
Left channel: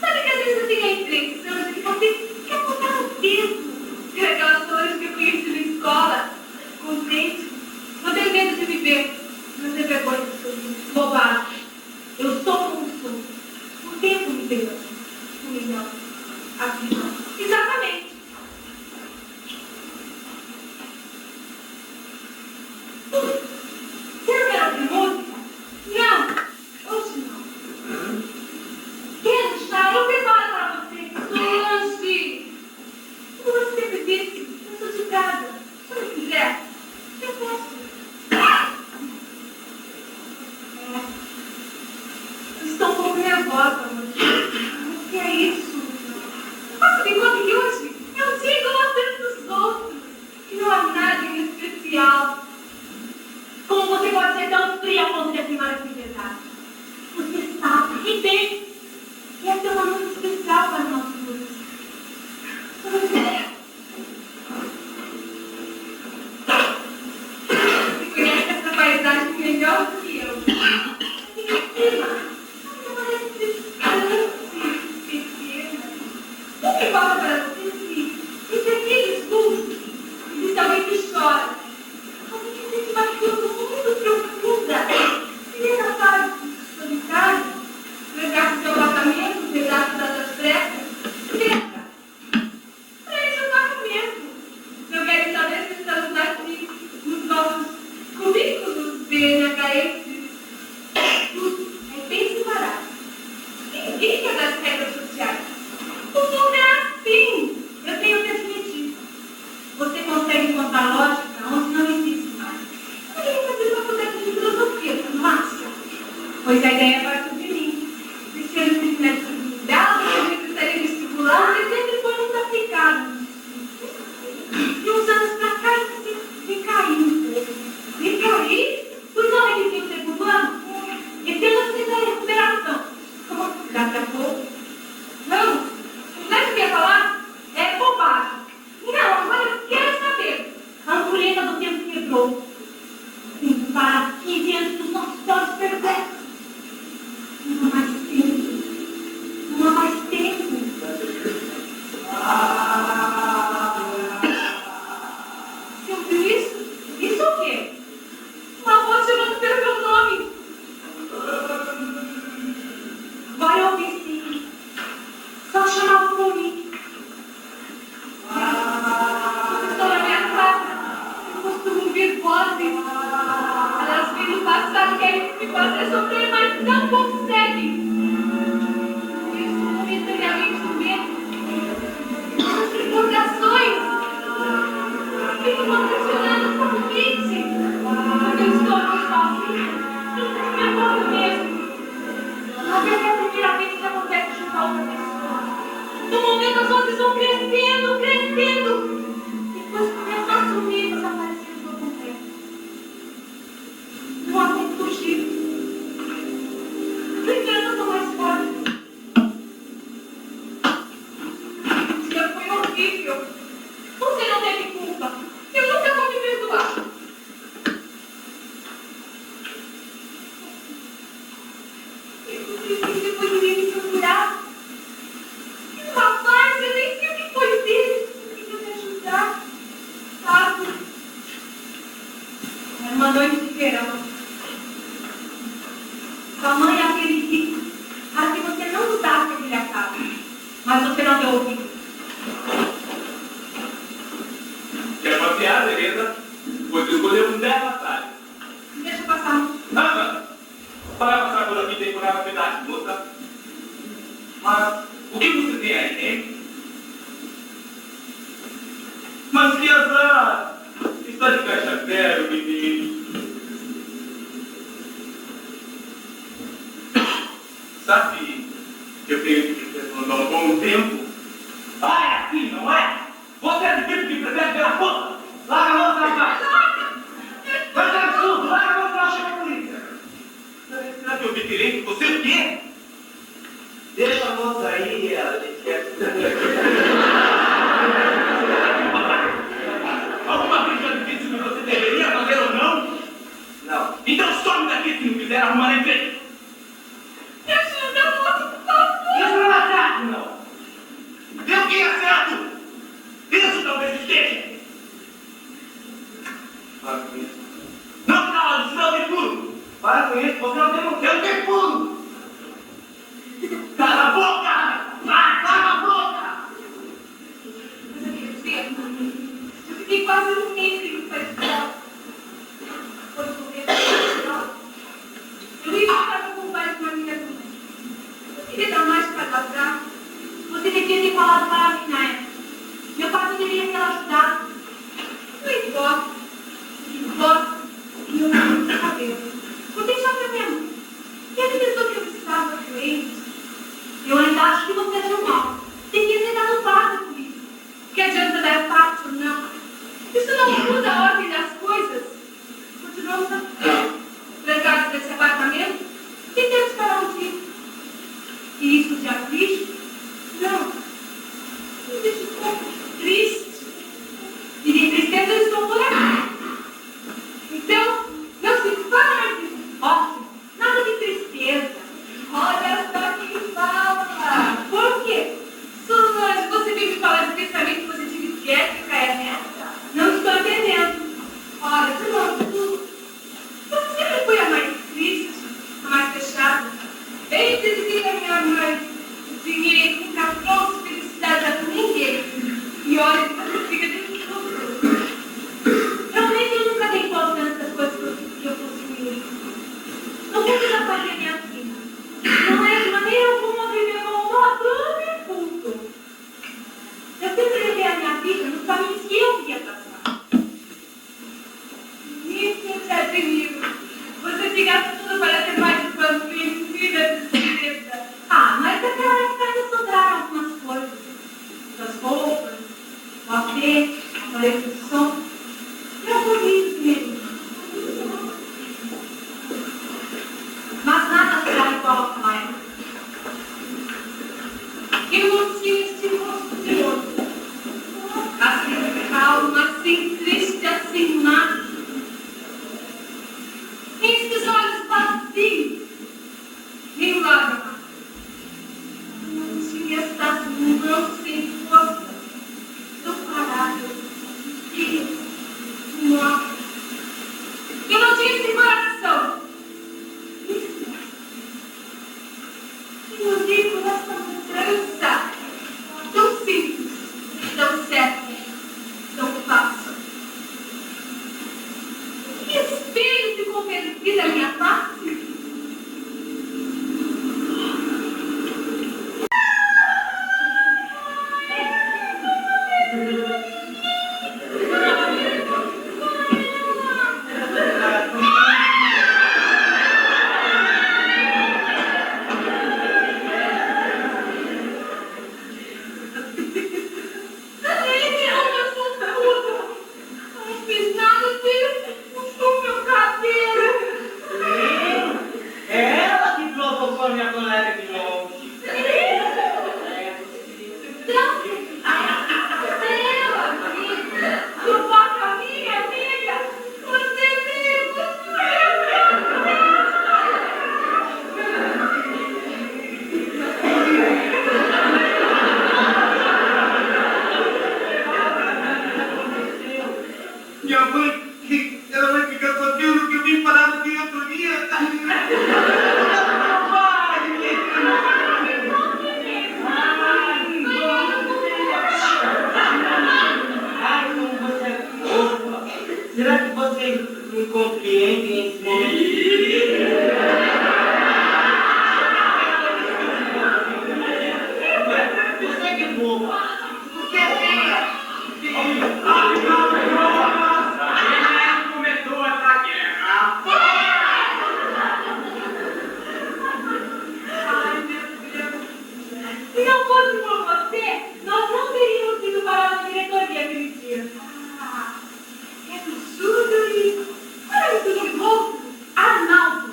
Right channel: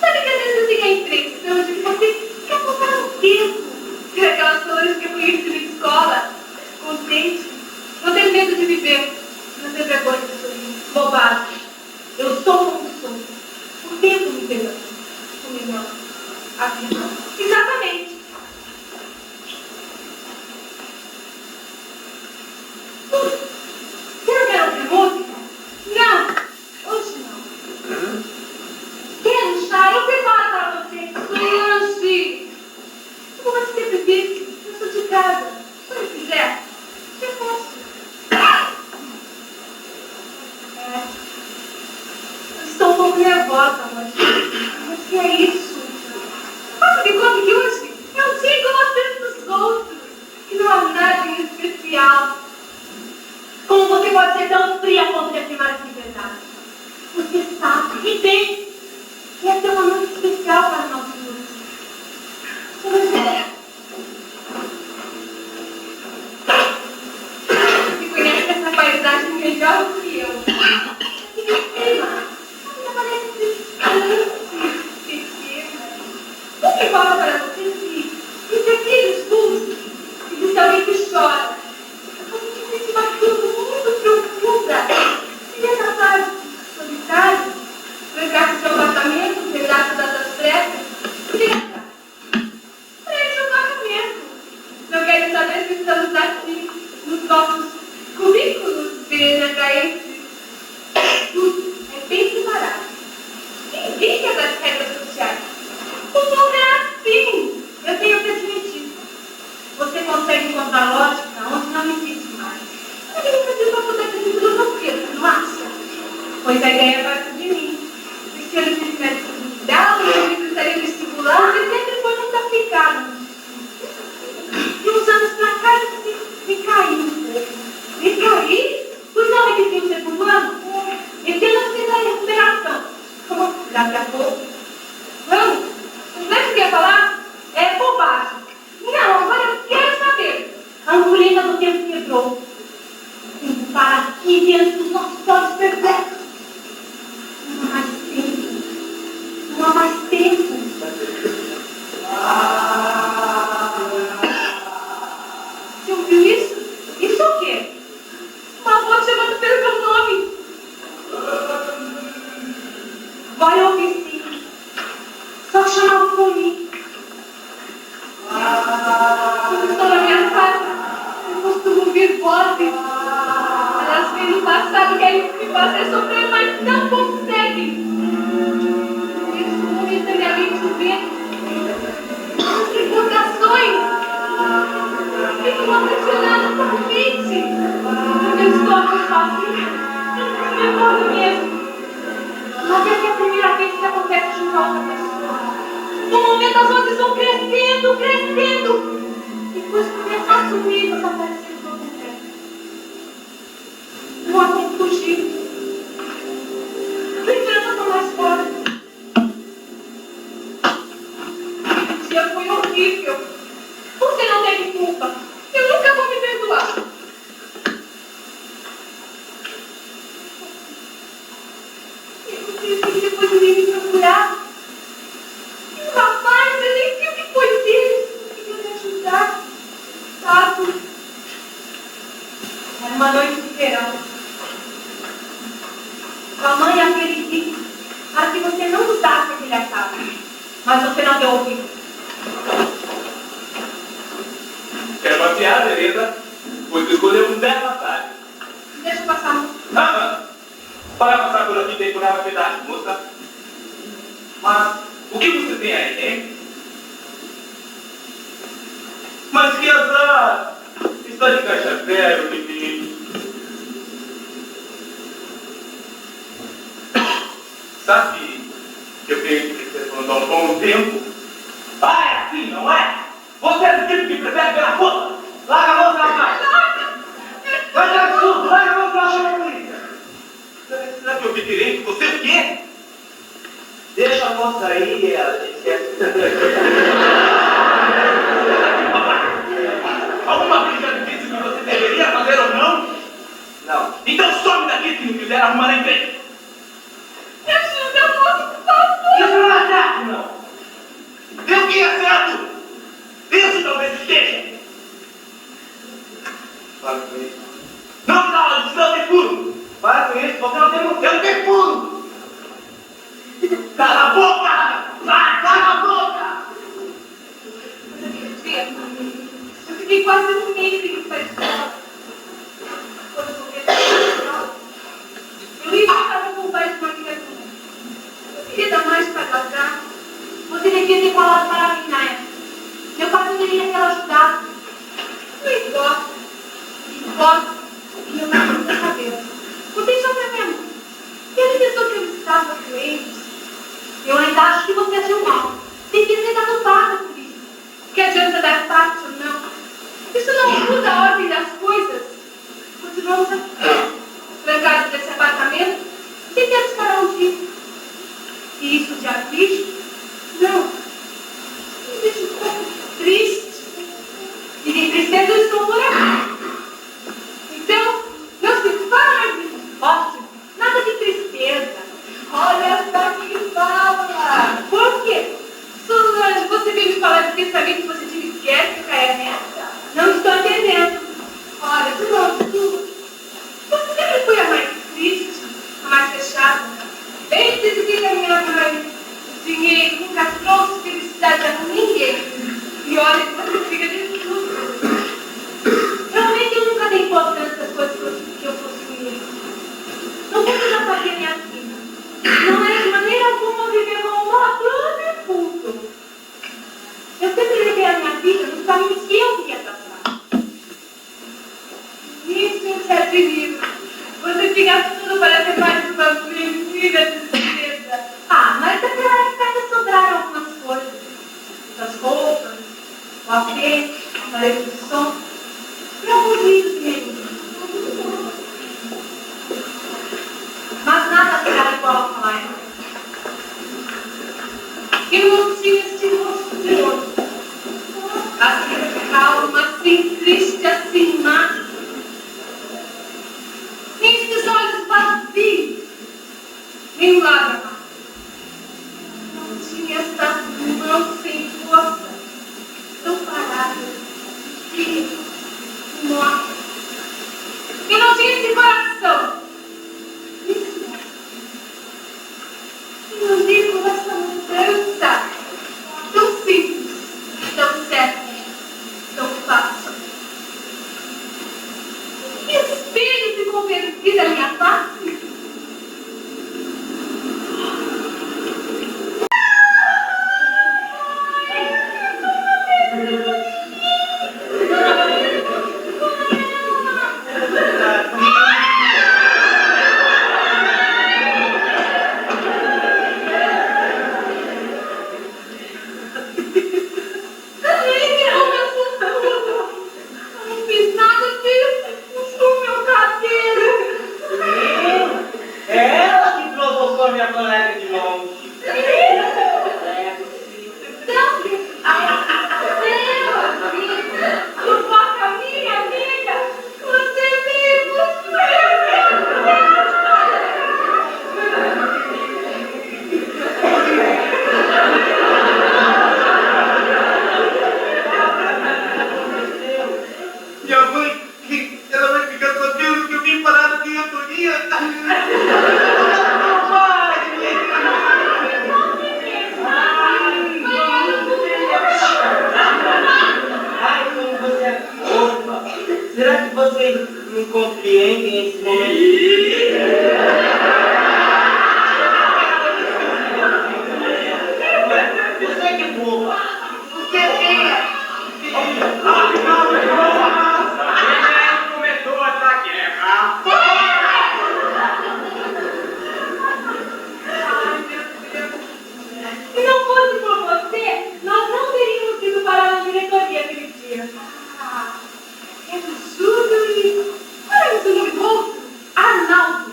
Sabe que às vezes eu tenho a impressão de que você quer voltar no tempo. Que aquelas coisas que eu conheci na escola, contente. Não tenho medo de viver. Não tenho vergonha de sorrir. Bobagem. Eu sou como sou. O tempo me deu. O menor. A vida. Exatamente. Você não quer ouvir música? Não. Hoje não. Quer um chá? Eu preparo para você. Solange. Como você sempre disse, eu sou de casa. Se eu quiser, eu posso. Eu estou um pouco nervosa, mas o que é isso? Mas que conta que hoje eu tinha gostando dos outros. E não há nada em especial. Como você pode ser tão fria a ponto de afirmar essa verdade? Você sabe e tem que essa é uma noite especial para nós dois. Você conhece essa paisagem melhor do que eu. E me prima, me parece distante, pequena. O que fala para você que pequenos pulsos existe alguém que chora. Alguém que sente uma dor muito profunda. E nessa tarde solitária, levar do seu apartamento, um pedaço das trevas, pensa. Preste um casamento. Não quero saber se estamos aqui nos nossos currículos BNHF. Tudo é bem separado. Ninguém quer das regras sociais. O mundo é assim. Eu tenho que admitir. Você consegue encontrar lógica onde não existe mais. Eu tenho que abrir uma toda aqui de filosofia, não acha? Pois a ideia parte de mim. E se eu não tivesse cuidado, eu precisaria estimular, mas sempre foi muito aplicado. E uns anos pra cá, me caí um pouco. Me caí? Pois não repetiu o segundo ano? Esse ano eu fiz a recuperação. Como? Daqui a pouco. Vamos? Não é o que eu ia falar? É bobagem. Não, agora eu quero saber. A ampulheta do tempo quebrou. Para aqui diante dos nossos olhos perversos. Não há mais tempo. Não há mais tempo. Você ouviu isso? Isso é o quê? Uma voz chamando pelo meu nome. Vai ouvir sim. Só chamar por mim. Quando estou na minha casa, eu costumo ouvir vozes. Elas vêm do passado que aí me fazem sofrer, mas não conseguem. Eles momentaneamente o medo. As recordações. Ficam aprisionadas na mente. Quando eu estou aqui sozinha, eu me recordo mesmo. Mas essa é a primeira vez que acontece junto a outra pessoa. No momento as vozes vão crescendo, crescendo. Depois começa a sumir, desaparecendo por completo. Não há como fugir. Lembranças são mais fortes. O dia foi horrível. Você não teve culpa. Eu nunca vou me perdoar. E depois eu vim me procurar. E o rapaz, eu nem sei o que foi dele. Conseguiu me ajudar. Sabe? Era uma noite de verão. A mãe aquele disse para que você não usasse aquele casa. Mas você não deu ouvido. Quer passear, beleza? Pois escolheu um belo atalho. Deixa eu passar. Para passar por aqui decorava pedaço, moça. Mas o que você tem aí, hein? Mas que azar! Está de caixa zero, bebê. Sabe que eu tenho que telefonar há um bom tempo? Ah, é assim, não é? Você é do tipo que prefere ver a puta? Larga a mão, rapaz! diferente. Você o quê? Deixa a moça aí, ela Alguma coisa já me disse que você deveria fazer ou não? Não. Então some daqui se não quiser arrumar emprego. Me ajuda, moço, por favor. Isso não é certo, não. Vê o que é certo. Isso talvez esteja. Para com isso. Não dá aula de santo e puro. Para com isso, você não tem motivo. Eu não tenho puro. Cala a boca. Vai, cala a boca. Eu fiquei quase um mês sem ir para a escola. Quando eu voltei para a escola, eu ia estava com o pai de uma amiga minha. Eu queria dar mais para gastar. Você devia ter falado para mim na época. Meu pai poderia ter ajudado. Eu gosto. E meu pai não quer saber. Você já foi mesmo. E ele pensou que eu estava doente. Eu ainda acho que você agiu mal. Devia ter dado paga por isso. Que adianta dar parte ou não? Isso não muda a ordem das coisas. Continuamos trancados nesse apartamento sem ter para onde ir. E isso te aflige? Não. Me deixa um pouco triste. E de tristeza eu estou por aqui. Então, não se faz. Ótimo. Nada de tristeza. Olha só que fala. Por quê? Suzane, você veio me falar de pensamento positivo e esquece, nessa? Não estou entendendo. Olha, de novo, você sempre foi a mais triste, a mais fechada. Bem dizia minha mãe, dinheiro nunca trouxe felicidade a ninguém. E olha que você fica de tudo. Realmente eu nunca dei importância às coisas que eu possuí. Não precisa fazer minha vida. Não é de maneira alguma viver como uma dona de culto. Eu sempre levei a minha vida nos caminhos que eu queria traçar. Isso eu te admiro. Você fica tudo para ser mais vida de tristeza. Ah, mas naquela época que sobraram algumas coisas. Das roupas, o apê, a televisão e alguns livros mesmo. Mas nada será igual àquela época. Eu não tinha este rosto de hoje. Assim calma, assim triste, assim má. Nem esses olhos vazios. Nem lágrimas. Não tinha essas mãos sem força. Tão paradas. Frias. Mortas. Eu não tinha esse coração. Eu vivo essa mudança tão simples, tão certa, tão fácil. Que espelho ficou perdido na minha face? Será que vocês não compreendem esse momento? Você que é boba. Você é. Começou essa guerra. Ai, meu Deus. Se não fosse por você, nós não teríamos ido parar na diretoria aquele dia. É absurdo isso. Olha isso no rosto. Arnaldo.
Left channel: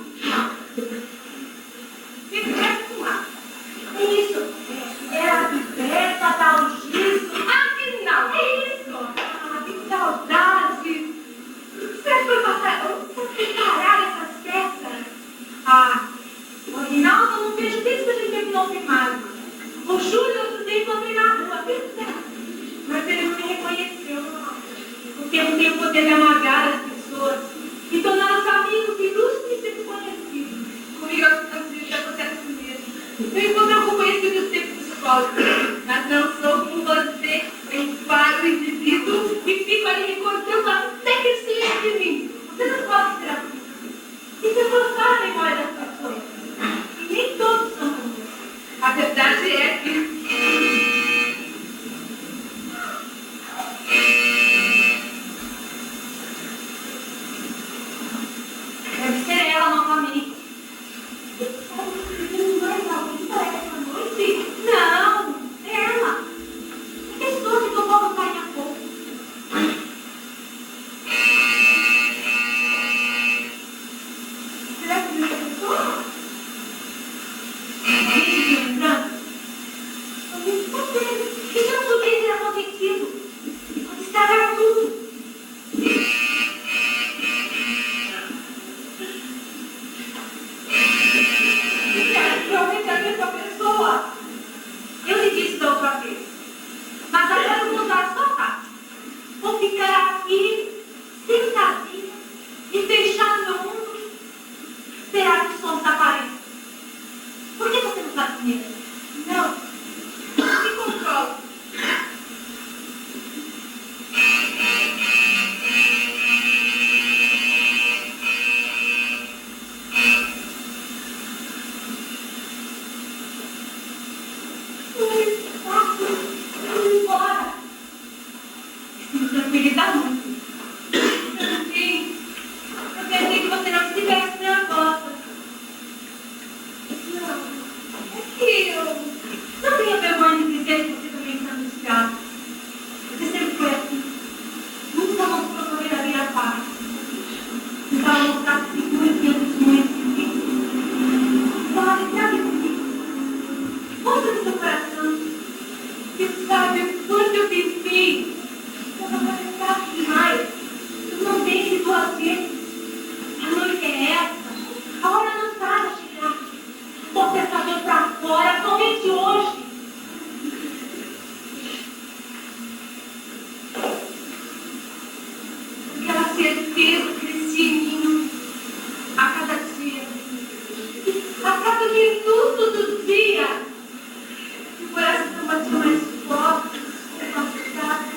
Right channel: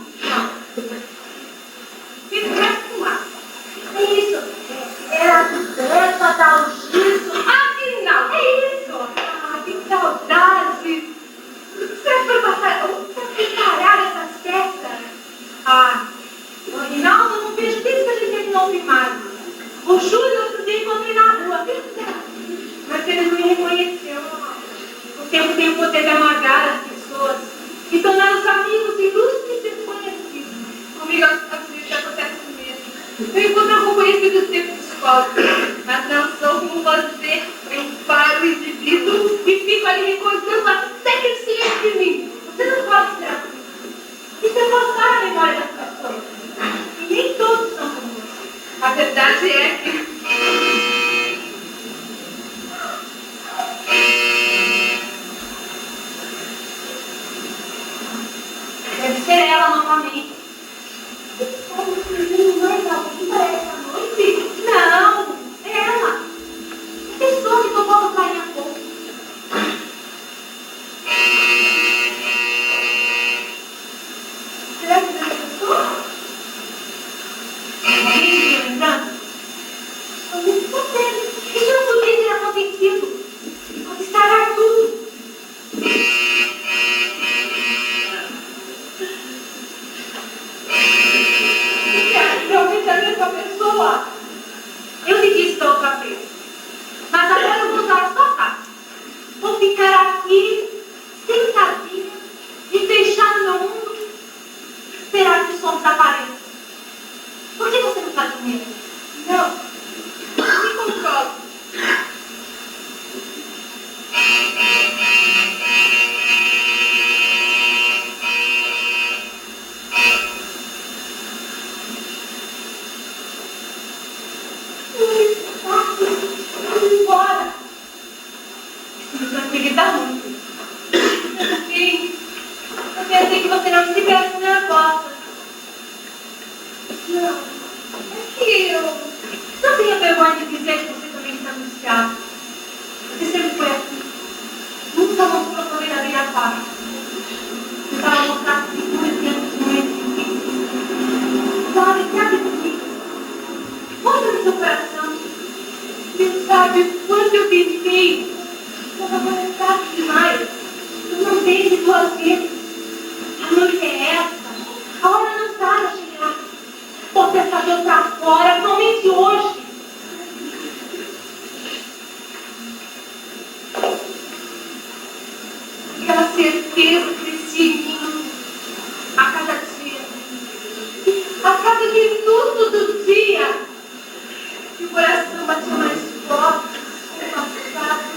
Eu pensei que você não estivesse na minha porta. Não. É que eu não tenho vergonha de dizer que você também está angustiado. Você sempre foi assim. Nunca vou procurar da minha parte. Para mostrar que muito tempo não existe. Sabe, sabe comigo? Mostra no seu coração. Você sabe quanto eu pensei. Estava amarelado demais. Eu não tenho de duas vezes. A noite é essa. A hora não está a chegar. Vou pensar de pra fora, somente hoje. Aquela certeza crescia em mim a cada dia, a cada minuto do dia. E o coração batia mais forte,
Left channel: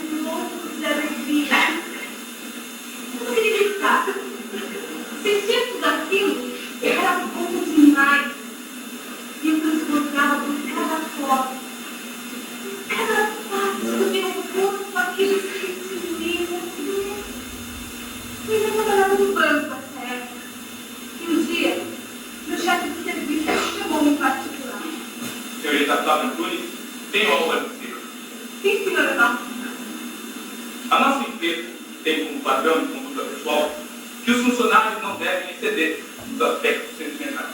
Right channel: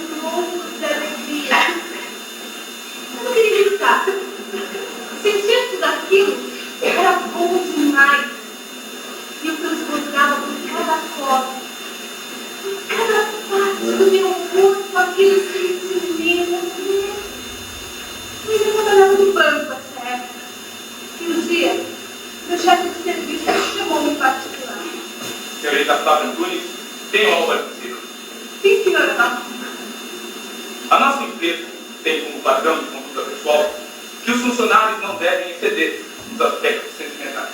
com louco de alegria. Eu não acreditar. Sentir tudo aquilo era bom demais. E eu transbordava com cada foto, cada parte do meu corpo, aquele sentimento. Eu estava trabalhando no banco, a sério. E um dia, meu chefe de serviço chamou-me em particular. Senhorita Flávia Antunes, tenho algo a dizer. Sim, senhor Paulo. A nossa empresa tem como padrão de conduta pessoal que os funcionários não devem exceder os aspectos sentimentais.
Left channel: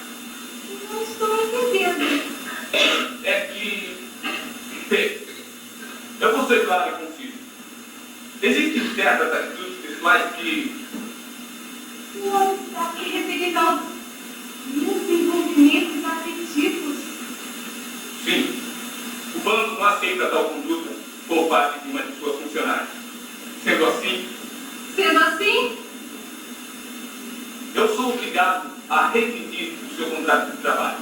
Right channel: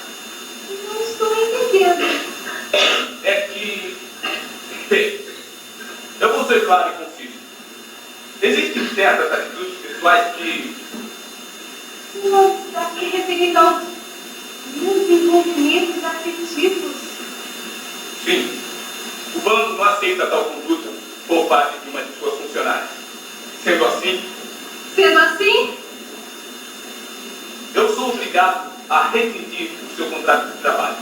Não estou entendendo. É que, bem, eu vou ser claro e conciso. Existem certas atitudes pessoais que Não está aqui referindo aos meus envolvimentos afetivos. sim, o banco não aceita tal conduta por parte de uma de suas funcionárias. Sendo assim, eu sou obrigado a rescindir o seu contrato de trabalho.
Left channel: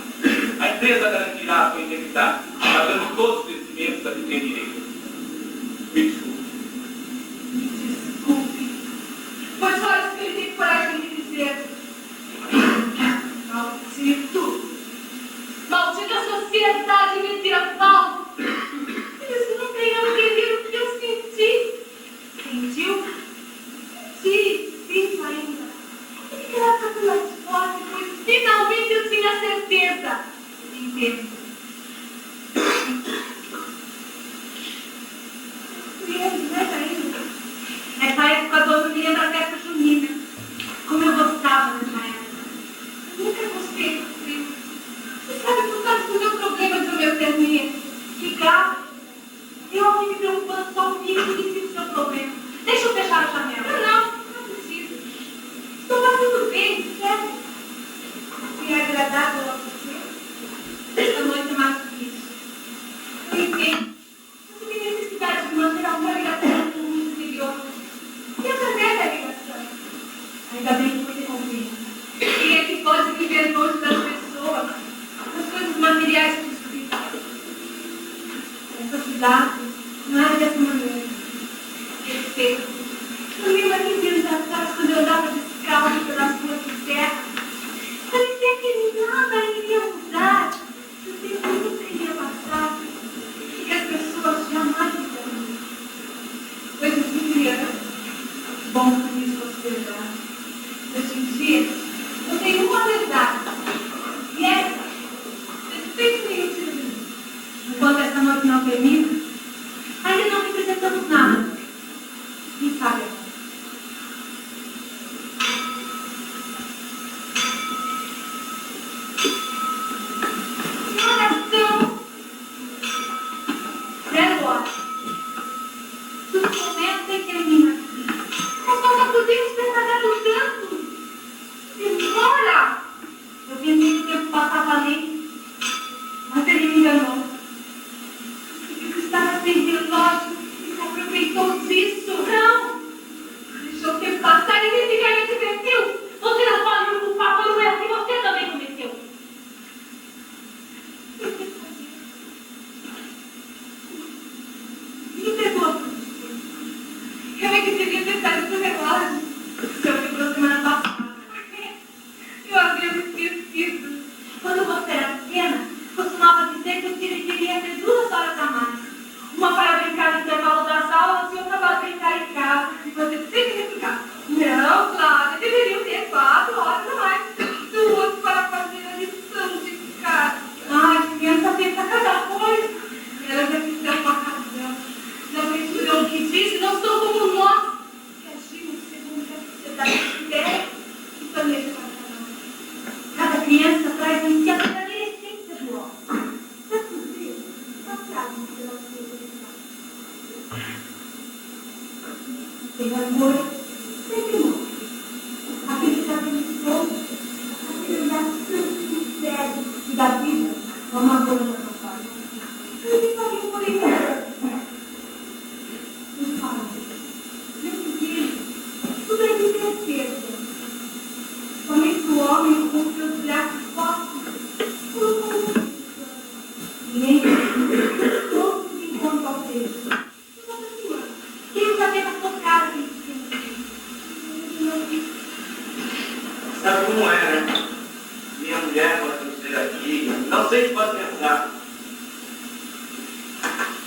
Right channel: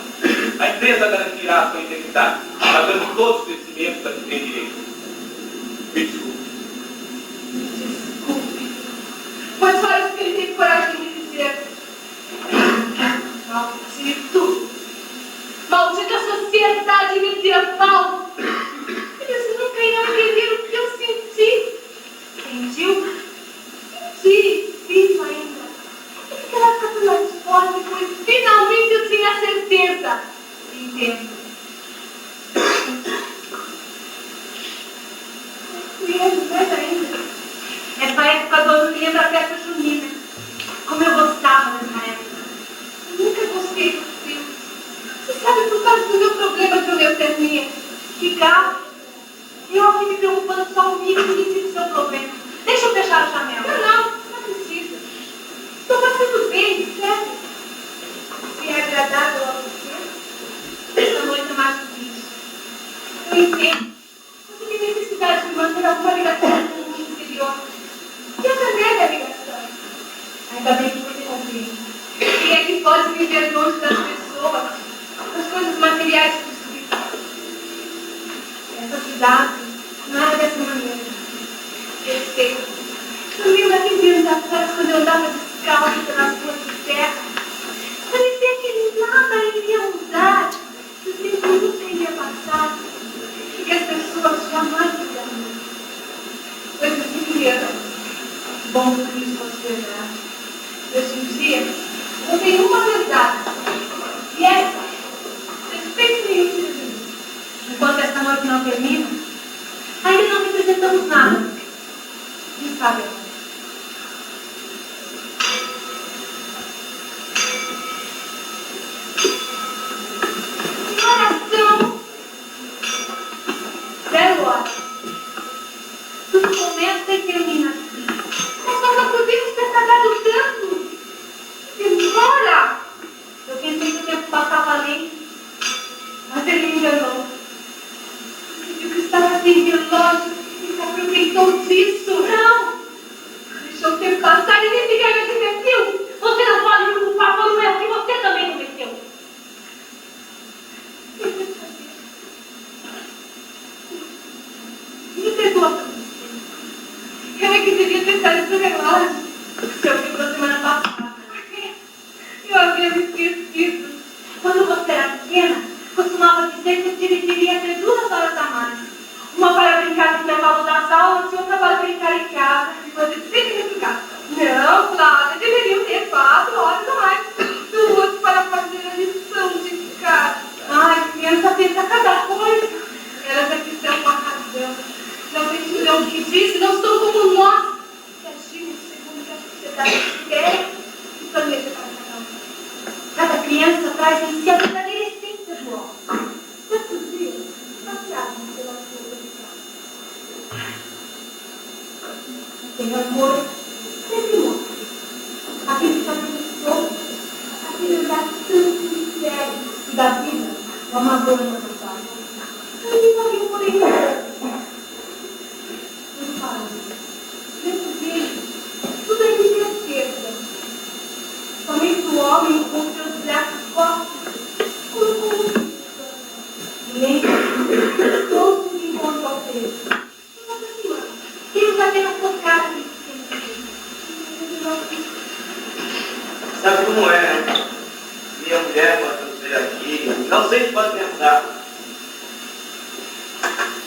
A empresa garantirá a sua integridade, pagando todos os vencimentos a que tem direito. Me desculpe. Desculpe. Foi só isso que ele teve coragem de dizer. Maldito! Maldita sociedade medieval! Eles não queriam entender o que eu senti. Sentiu? Senti, vivo ainda. Aquela coisa mais forte foi finalmente eu tinha certeza. Entendo. E ele mais ainda. Essa época do ano me lembra a festa junina. Como eu gostava dessa época. Eu nunca gostei do frio. Você sabe, por causa do meu problema de obeutania. Ficar. Eu aqui me preocupando só comigo e disse o seu problema. Deixa eu fechar a janela. Não precisa. Estou passando bem, sério. Se é agradável a você, esta noite é mais do que isso. Eu entendo. Você tem necessidade de manter alguma ligação com o mundo exterior. E eu também a ligação. Ainda bem que você compreende. Quem é que pode viver longe das pessoas, das coisas materiais que espirituais? Essa cidade não é dessa maneira. Eu sei. Eu lembro aqui dias atrás, quando eu andava descalço pelas ruas de terra, parecia que nada iria mudar, que tudo nunca iria passar, e que as pessoas jamais mudariam. Coisas de criança. Bom por isso considerar. Hoje em dia, eu tenho uma verdade. E essa, respeito nenhum tiro de mim. Enquanto essa noite não termina, ainda não representamos nada. Quem sabe, amor? Oração! 0 horas. Tudo começa e termina aqui. Mas nós não podemos ter tardado tanto. Demora! Ideia e planeja para cada um. Cada criança traz em si a verdadeira essência do homem. Quantos dias passados pela sua educação? Tem amor, sempre morre. Aquele que faz isso todo, aquele olhar tanto sério e da vida, o amador na vontade. Ninguém faria por aí. Não fala. Dentro dele, tudo é de Deus perda. Somente o homem com seus braços fortes, como lembra, todos de encontro ao Deus. Eles apenas tocaram nesse sentido. Sabe como é, né? Minha mulher, quando eu sair aqui, não sei se pode pensar.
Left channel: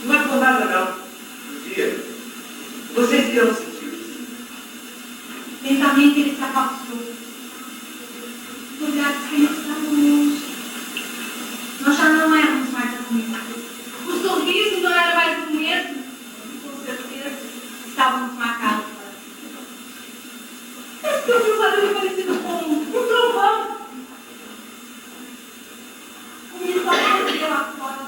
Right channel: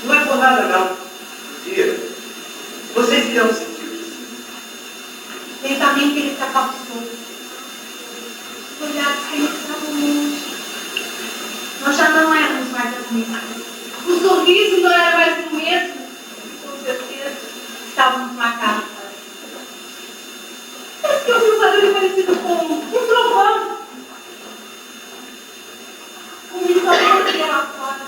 Não é por nada, não. Um dia, vocês irão sentir isso. Lentamente ele se afastou. Os olhares penetravam longe. Nós já não éramos mais as mesmas. O sorriso não era mais o mesmo. E com certeza estávamos marcados. Parece que eu vi um barulho parecido com um trovão. O microfone dela fora.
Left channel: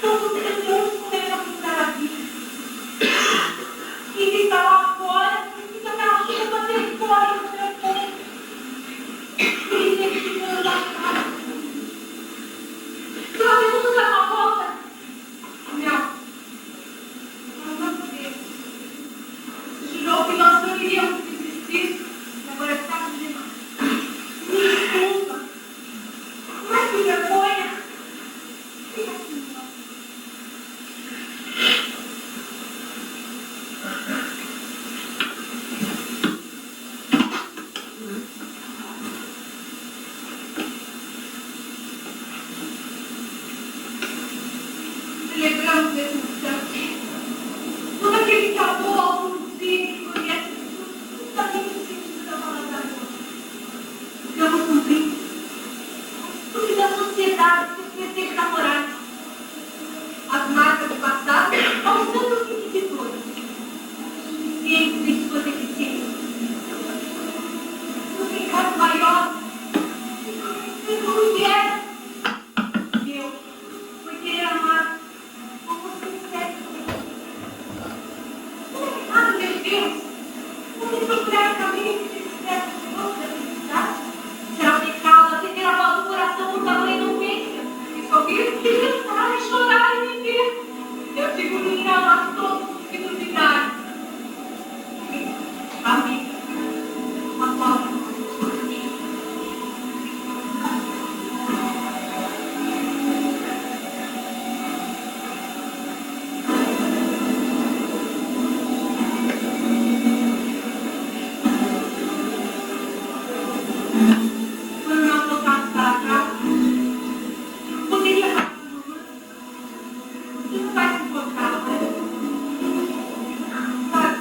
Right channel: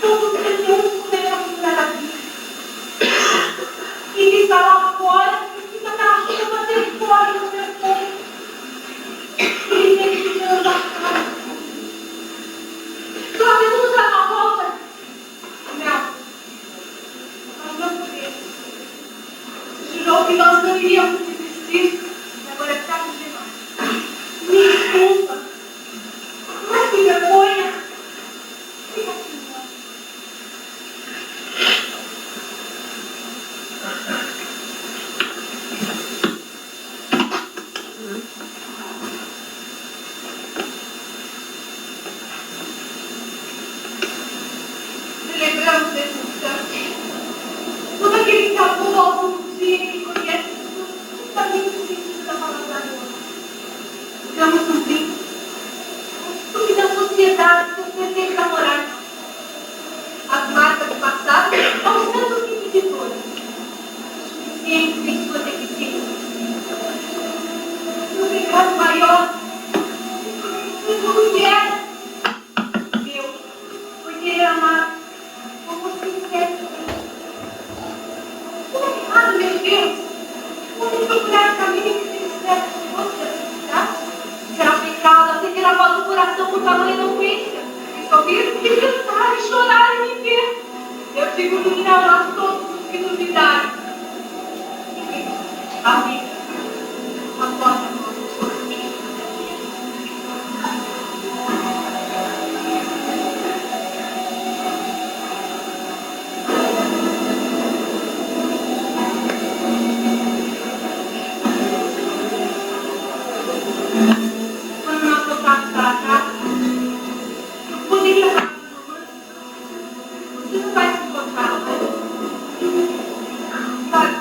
Todos os senhores começaram a vida. E ele está lá fora e está achando bater fora no meu corpo. Ele vem ficando a cara. Podemos dar uma volta? Não. Nós não podemos. Você jurou que nós não iríamos desistir. Agora é tarde demais. Me desculpa. Mas que vergonha. Fica assim, ó. Celebramos esse instante. Todo aquele que amou algum dia que conhece justamente o sentido da palavra hoje. Estamos cumprindo porque da sociedade seus presentes morais, as marcas do passado, aos tantos inquisitores, suficientes em suas eficiências. O pecado maior que é meu, por querer amar como você quer. Como é errado, meu Deus? Você procurar caminho que se espera de você da felicidade? Será pecado atender a voz do coração por tamanha eloquência? Ouvir e cantar e chorar e viver. Eu digo não a todos os que duvidarem. Amém. A vossa mão. Quando nós voltarmos para casa, eu poderia falar com você. Você não vai se encontrar. Sabe?